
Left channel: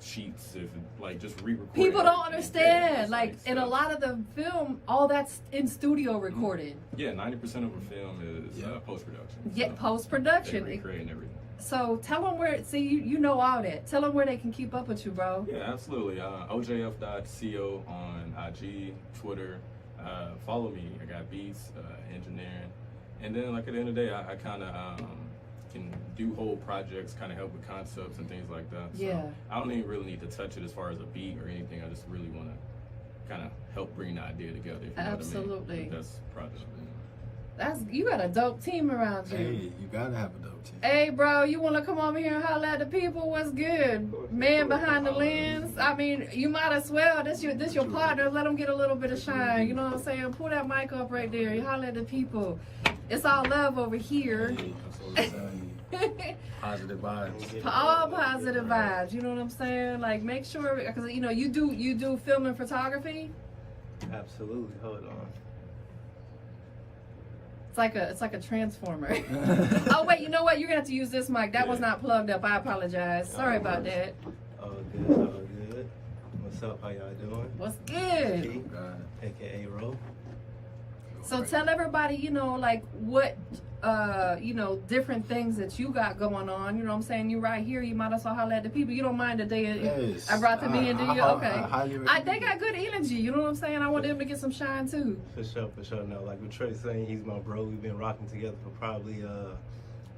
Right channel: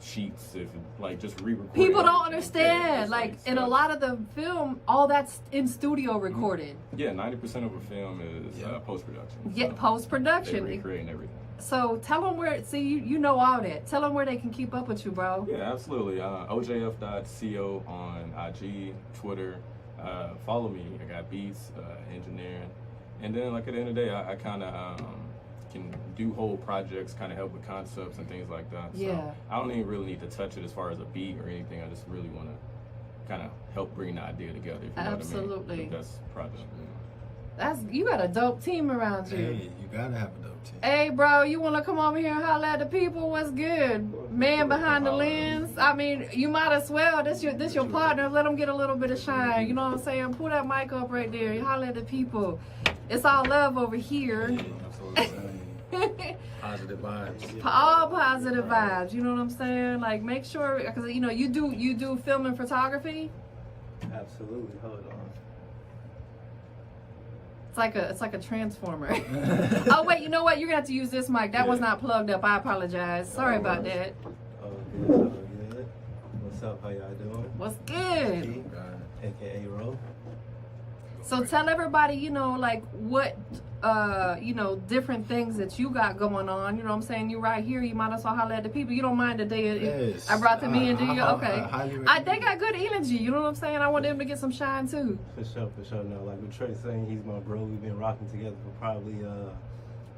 sheets, if like just re-record. People don't understand, like in a lot of the film, all that's in studio recorded. Yeah, 90% of a film is post-production. Yeah, post-production. Recreating everything. So tell them where, see, you know all that. Tell them where they can keep up with you, bro. Yeah, absolutely. OJF.co on IG, Twitter. Follow me. I got beats, engineering. And then, like, at the end of the day, I kind of can do whole projects, kind of help with concepts and things like that. So I don't even really need to touch it as far as a beat or anything. I just really want to kind of help bring the idea together. If you Absolutely. know what I mean. That's project. You got a dope team around you. Hey, you gotta have a dope team. Hey, bro, you want to come over here and holler at the people? What's good? Man behind the lens. I mean, you might as well. This your partner. Let them get a little bit of shine. You know what I'm saying? Pull that mic up right there. You holler at the people. It's all love over here. Positive vibes. All positive vibes. You know what I'm saying? Like, make sure, because you know you do film and photography. Absolutely. Hold on. It's like a transformer. Oh wait, you know what? You're gonna have to use this mic. That one's not plugged up. I apologize. Sorry about that. Oh good, oh good. What's up? How y'all doing? What's good? AKA Ro. So tell everybody, you know, like what you know, different things that you got going on. You know what I'm saying? You right here, you might as well holler at the people. You don't mind the day I brought them in, do you? Okay. They got good energy, you know what I'm saying? I want them to get some shine too. For sure. No, like with Tracy saying, he's my bro. We've been rocking together for probably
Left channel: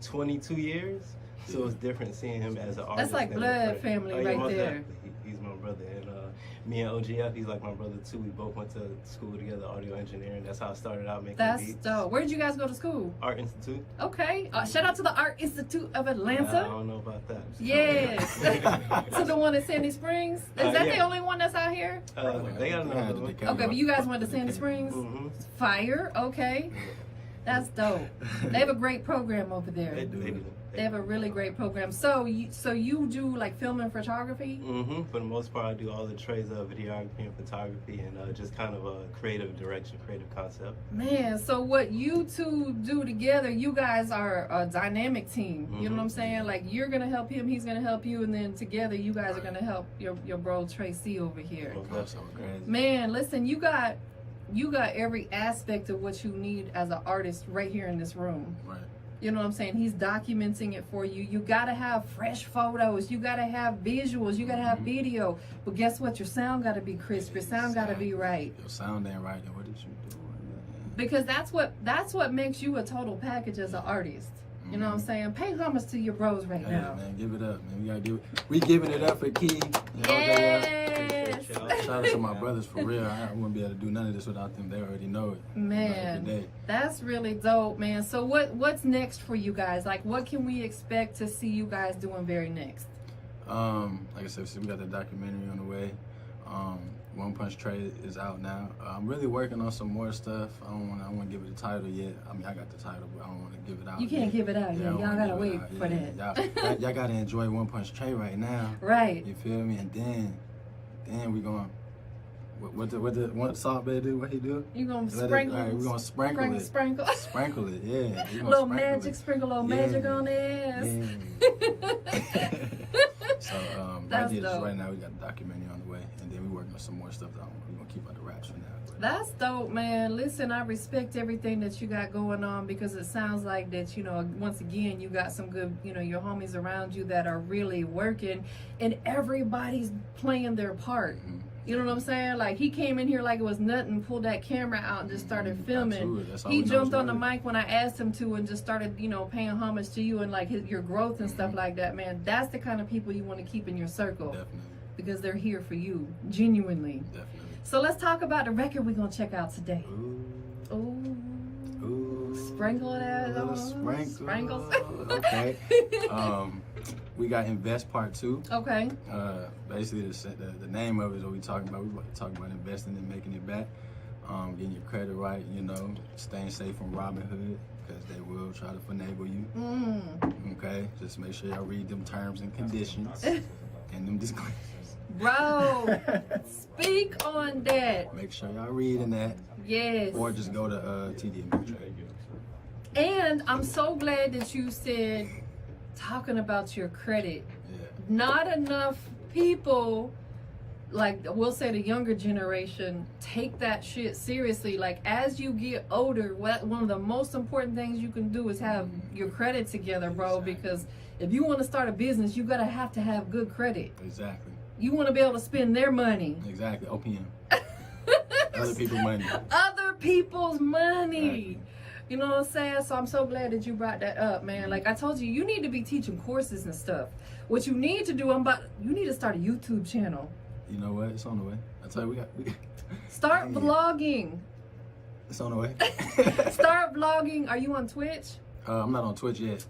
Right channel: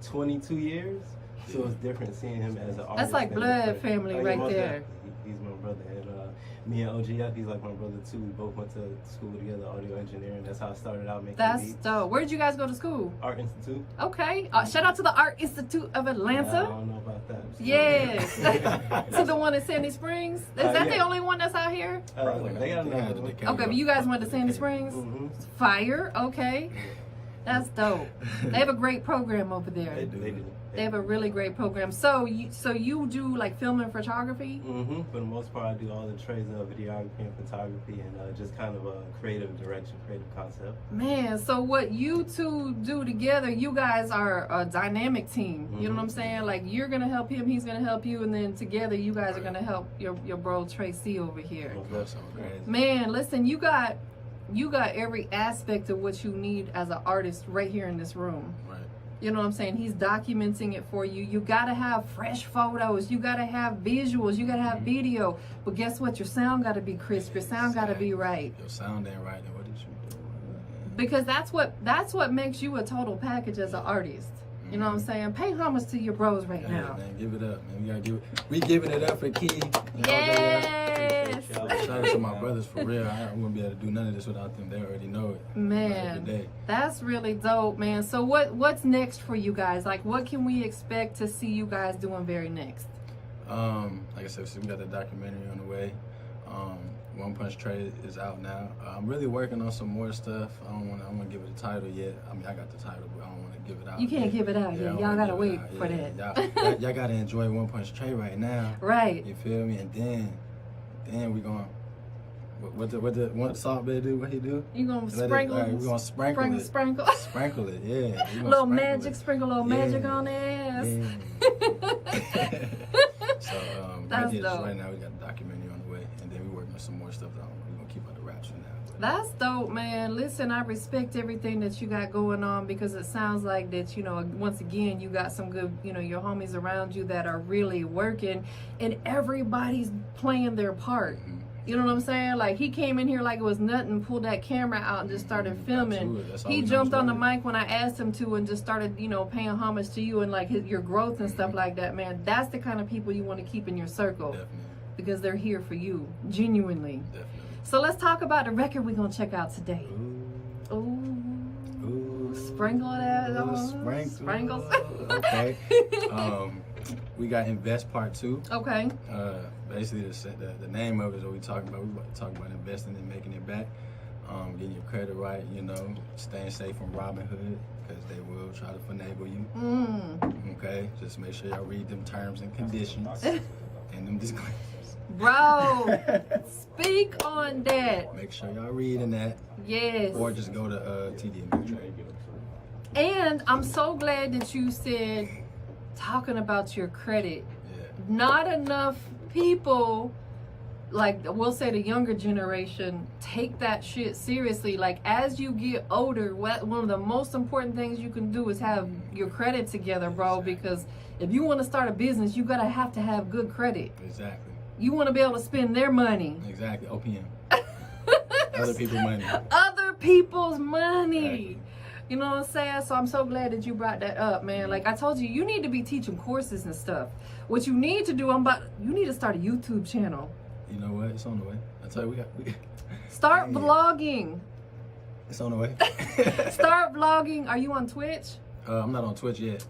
22 years. So it's different seeing him as an artist. That's like blood family right there. Exactly. He's my brother. And me and OGF, he's like my brother too. We both went to school together, audio engineering. That's how I started out making beats. That's dope. Where did you guys go to school? Art Institute. Okay. Shout out to the Art Institute of Atlanta. I don't know about that. Yes. To the one in Sandy Springs. Is that the only one that's out here? They got another one. Okay, but you guys went to Sandy Springs? Mm-hmm. Fire. Okay. That's dope. They have a great program over there. They do. They have a really great program. So you do like film and photography? Mm-hmm. For the most part, I do all the trades of videography and photography, and just kind of a creative direction, creative concept. Man, so what you two do together, you guys are a dynamic team. You know what I'm saying? Like, you're gonna help him, he's gonna help you, and then together you guys are gonna help your bro Tre-C over here. Man, listen, you got every aspect of what you need as an artist right here in this room. Right. You know what I'm saying? He's documenting it for you. You gotta have fresh photos. You gotta have visuals. You gotta have video. But guess what? Your sound gotta be crisp. Your sound gotta be right. Your sound ain't right. Then what did you do? Because that's what makes you a total package as an artist. You know what I'm saying? Pay homage to your bros right now. Man, give it up, man. We giving it up for Key. Yes. Shout out to my brothers for real. I wouldn't be able to do none of this without them. They already know it. Man, that's really dope, man. So what's next for you guys? Like, what can we expect to see you guys doing very next? Like I said, we got the documentary on the way. One Punch Trade is out now. I'm really working on some more stuff. I don't want to give it a title yet. I mean, I got the title, but I don't want to give it out. You can't give it out yet. Y'all gotta wait for that. Y'all gotta enjoy One Punch Trade right now. Right. You feel me? And then we gonna what Salt Bay do? What he do? You gonna sprinkle? We gonna sprinkle it. Sprinkle it. Yeah. Little magic. Sprinkle a little magic on the ass. So right now we got the documentary on the way, and then we working on some more stuff that we're gonna keep out the raps for now. That's dope, man. Listen, I respect everything that you got going on, because it sounds like that, you know, once again, you got some good, you know, your homies around you that are really working, and everybody's playing their part. You know what I'm saying? Like, he came in here like it was nothing, pulled that camera out and just started filming. He jumped on the mic when I asked him to and just started, you know, paying homage to you and like your growth and stuff like that, man. That's the kind of people you want to keep in your circle. Definitely. Because they're here for you, genuinely. Definitely. So let's talk about the record we're going to check out today. Ooh. Sprinkle that on. Sprinkles. Okay. We got Invest Part 2. Okay. Basically, the name of it is what we talking about. We talk about investing and making it back. Getting your credit right, you know, staying safe from Robin Hood, because they will try to finagle you. Okay? Just make sure y'all read them terms and conditions and them disclaimers. Bro, speak on that. Make sure y'all reading that. Yes. Or just go to TD Ameritrade. And I'm so glad that you said talking about your credit. Yeah. Not enough people, like we'll say the younger generation, take that shit seriously. Like, as you get older, one of the most important things you can do is have your credit together, bro. Because if you want to start a business, you gotta have to have good credit. Exactly. You want to be able to spend their money. Exactly. OPM. Other people's money. Other people's money. Exactly. You know what I'm saying? So I'm so glad that you brought that up, man. Like I told you, you need to be teaching courses and stuff. What you need to do, you need to start a YouTube channel. You know what? It's on the way. I tell you, Start vlogging. It's on the way. Start vlogging. Are you on Twitch? I'm not on Twitch yet.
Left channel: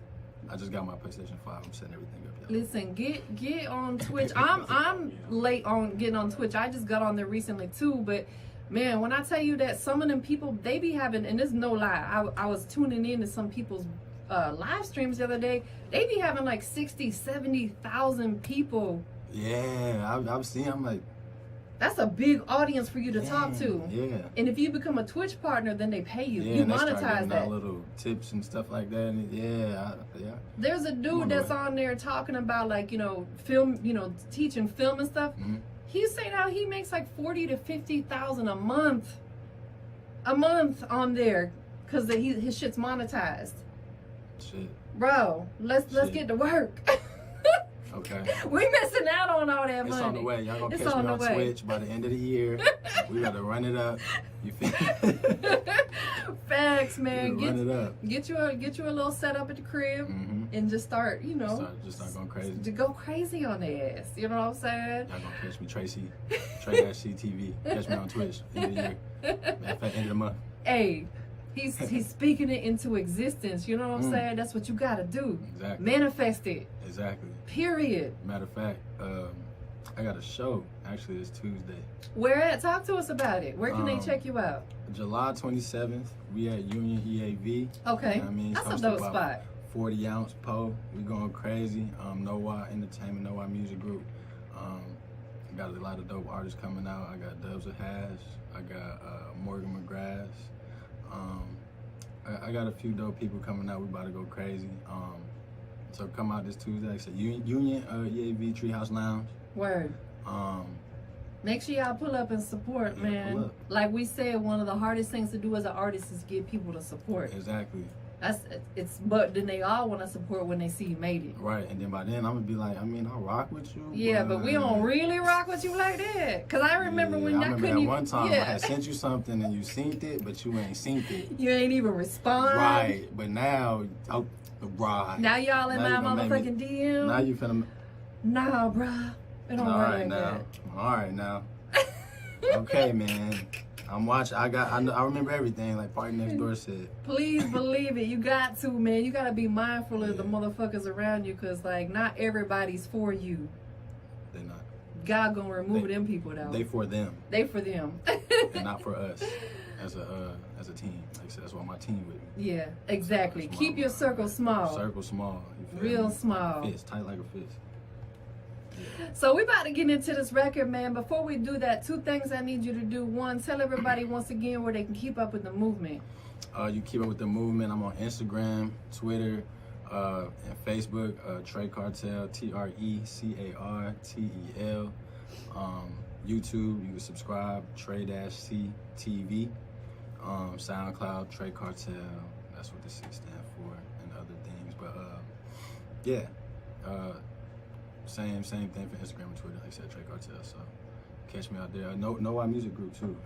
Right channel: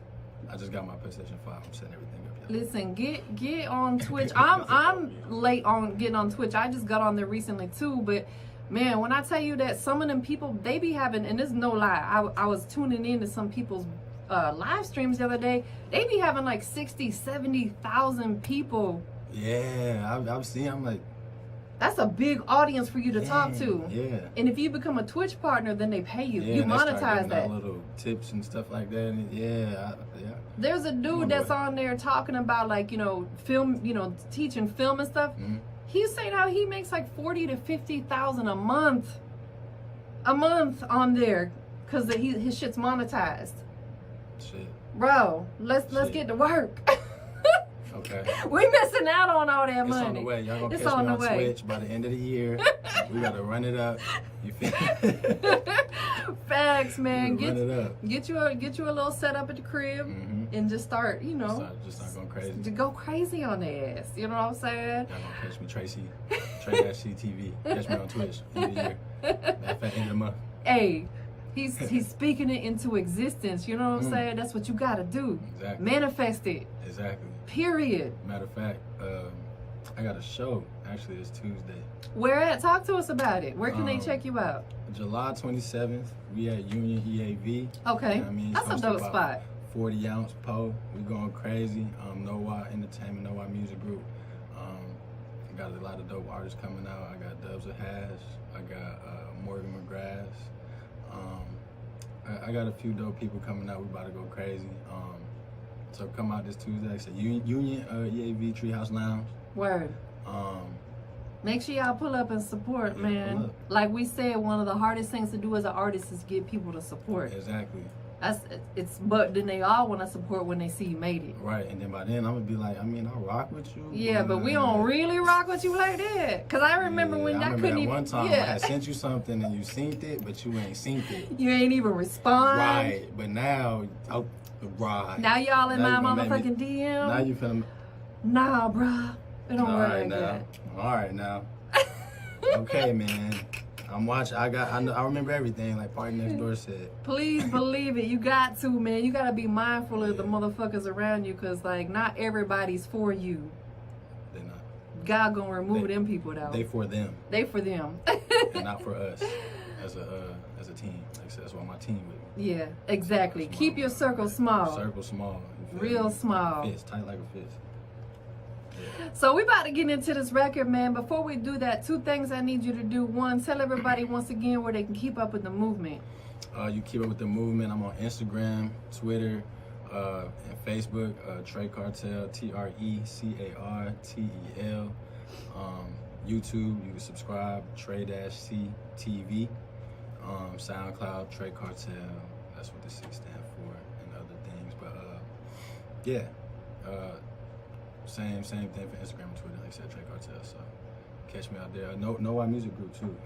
I just got my PlayStation 5. I'm setting everything up. Listen, get on Twitch. I'm late on getting on Twitch. I just got on there recently too, but man, when I tell you that some of them people, they be having, and there's no lie, I was tuning in to some people's live streams the other day. They be having like 60, 70,000 people. Yeah, I was seeing, I'm like, that's a big audience for you to talk to. Yeah. And if you become a Twitch partner, then they pay you. Yeah, you monetize that. Little tips and stuff like that. And yeah. There's a dude that's on there talking about, like, you know, film, you know, teaching film and stuff. He's saying how he makes like 40 to 50,000 a month on there, because his shit's monetized. Shit. Bro, let's get to work. Okay. We missing out on all that money. It's on the way. Y'all gonna catch me on Twitch by the end of the year. We gotta run it up. You feel? Facts, man. Run it up. Get you a little setup at the crib and just start, you know. Just start going crazy. To go crazy on their ass. You know what I'm saying? Y'all gonna catch me, Tracy. Tre-C TV. Catch me on Twitch. End of the year. Matter of fact, end of the month. Hey. He's speaking it into existence. You know what I'm saying? That's what you gotta do. Exactly. Manifest it. Exactly. Period. Matter of fact, I got a show. Actually, it's Tuesday. Where at? Talk to us about it. Where can they check you out? July 27th, we at Union EAV. Okay. You know what I mean? That's a dope spot. 40-ounce pole. We going crazy. Noah Entertainment, Noah Music Group. I got a lot of dope artists coming out. I got Dubs of Hash. I got Morgan McGrath. I got a few dope people coming out. We about to go crazy. So come out this Tuesday. It's Union EAV Treehouse Lounge. Word. Make sure y'all pull up and support, man. Like we said, one of the hardest things to do as an artist is get people to support. Exactly. But then they all want to support when they see you made it. Right, and then by then I'm gonna be like, I mean, I'll rock with you. Yeah, but we don't really rock with you like that. Cause I remember when I couldn't even. One time I had sent you something and you synced it, but you ain't synced it. You ain't even respond. Right, but now, right. Now y'all in my motherfucking DM. Now you finna. Nah, bruh. It don't work like that. All right now. Okay, man. I'm watching. I remember everything, like Party Next Door said. Please believe it. You got to, man. You got to be mindful of the motherfuckers around you, because, like, not everybody's for you. They're not. God gonna remove them people, though. They for them. They for them. And not for us as a team. Like I said, that's why my team with me. Yeah, exactly. Keep your circle small. Circle small. Real small. Like a fist, tight like a fist. Yeah. So we about to get into this record, man. Before we do that, 2 things I need you to do. 1, tell everybody once again where they can keep up with the movement. You keep up with the movement. I'm on Instagram, Twitter, and Facebook. Tre Cartel, TRECARTEL. YouTube, you can subscribe. Tre-C TV. SoundCloud, Tre Cartel. That's what the C stands for, and other things. But yeah. Same thing for Instagram and Twitter, like I said, Tre Cartel. So catch me out there. Noah Music Group too.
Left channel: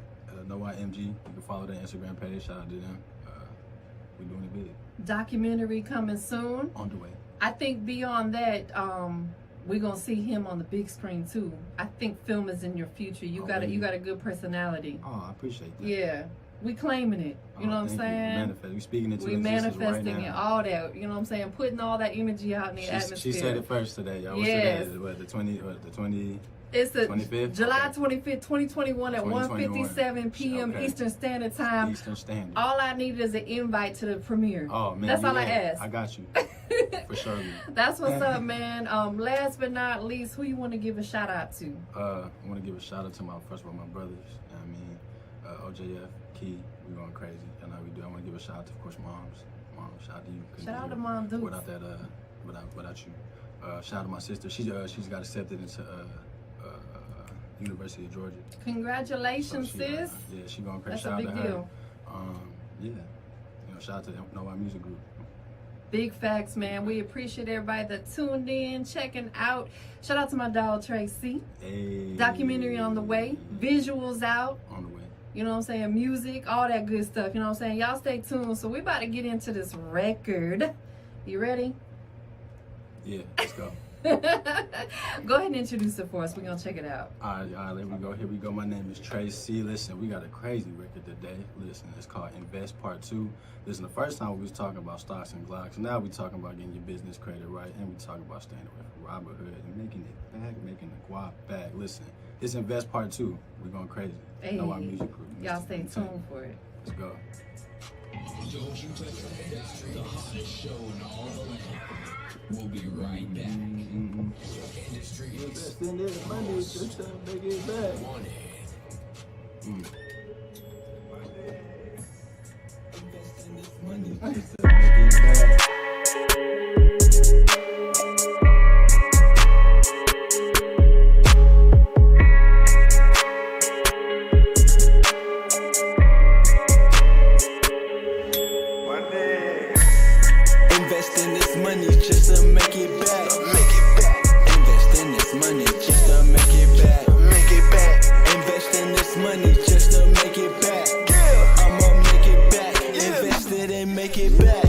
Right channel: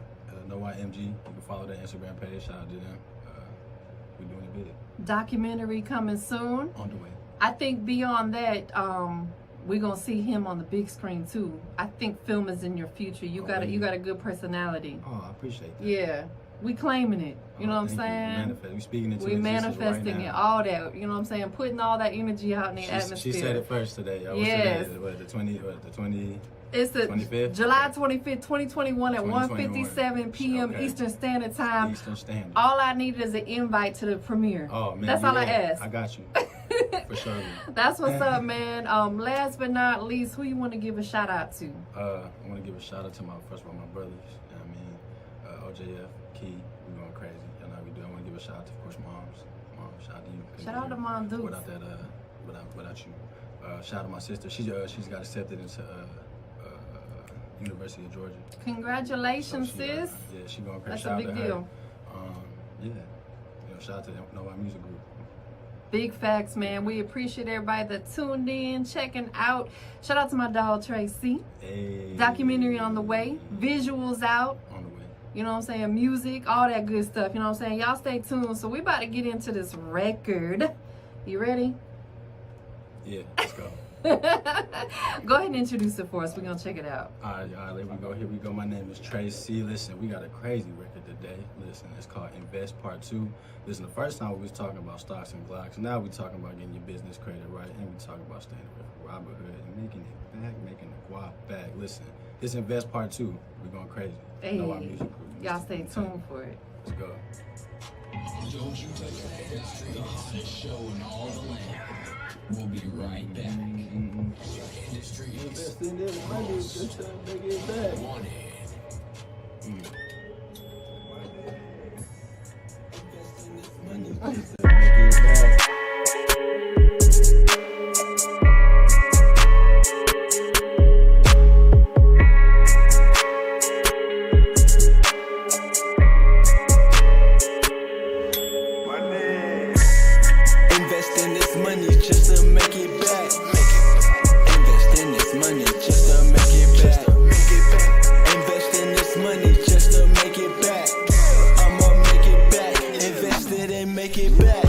Noah MG. You can follow their Instagram page. Shout out to them. We're doing it big. Documentary coming soon. On the way. I think beyond that, we're gonna see him on the big screen too. I think film is in your future. You got a good personality. Oh, I appreciate that. Yeah. We claiming it. You know what I'm saying? We speaking into we manifesting right it, all that. You know what I'm saying? Putting all that energy out in the atmosphere. She said it first today. Yes. The 20? It's the 25th? July 25th, 2021 at 1:57 p.m. Eastern Standard Time. Eastern Standard. All I need is an invite to the premiere. Oh, man. That's all I ask. I got you. For sure, man. That's what's up, man. Last but not least, who you want to give a shout out to? I want to give a shout out to my brothers. I mean, OJF, Key, we going crazy. You know how we do. I want to give a shout out to, of course, moms. Mom, shout out to you. Shout out to Mom Dukes. Without that, without you. Shout out to my sister. She's got accepted into University of Georgia. Congratulations, so sis. Yeah, she's going crazy. That's Shout a big out to deal. Her. Yeah. Shout out to the Noah Music Group. Big facts, man. We appreciate everybody that tuned in, checking out. Shout out to my dog, Tracy. Hey. Documentary on the way. Visuals out. On the way. You know what I'm saying? Music, all that good stuff. You know what I'm saying? Y'all stay tuned. So we about to get into this record. You ready? Yeah, let's go. Go ahead and introduce it for us. We're going to check it out. All right, there we go. Here we go. My name is Tre-C. Listen, we got a crazy record today. Listen, it's called Invest Part 2. Listen, the first time we was talking about stocks and glocks. Now we talking about getting your business credit right. And we talking about staying away from Robert Hood and making it back, making the guap back. Listen, it's Invest Part 2. We're going crazy. Hey, know our music group. Y'all stay tuned for it. Let's go. Don't you touch that industry. Show in all the land. We'll be right back. Industry. Invest in it. Money just to make it back. Money just to make it back. Investing this money just to make it back. Investing this money just to make it back. Investing this money just to make it back. I'ma make it back. Invest it and make it back.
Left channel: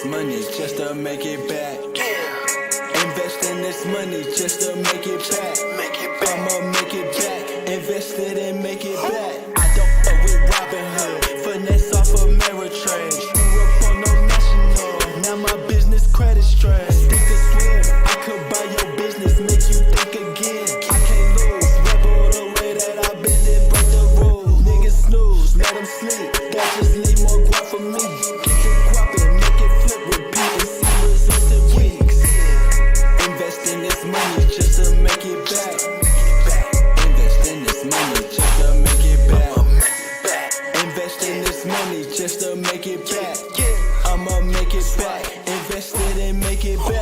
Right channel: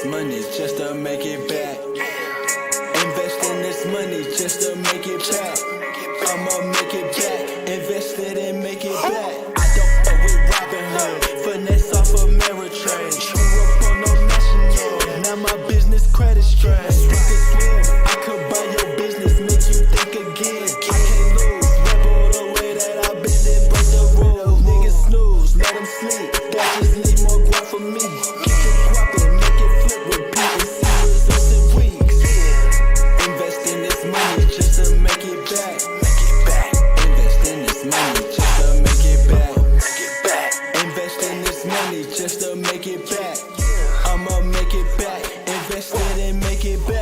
this money just to make it back. Invest in this money just to make it back. I'ma make it back. Invest it and make it back. I don't fuck with Robin Hood. Finesse off of Ameritrade. Screw up on no national. Now my business credit strain. Think or swim. I could buy your business, make you think again. I can't lose. Rebel the way that I bend and break the rules. Niggas snooze, let them sleep. That just leave more guap for me. Get the guap and make it flip, repeat and see results in weeks. Invest in this money just to make it back. Invest in this money just to make it back. Invest in this money just to make it back. I'ma make it back. Invest it and make it back.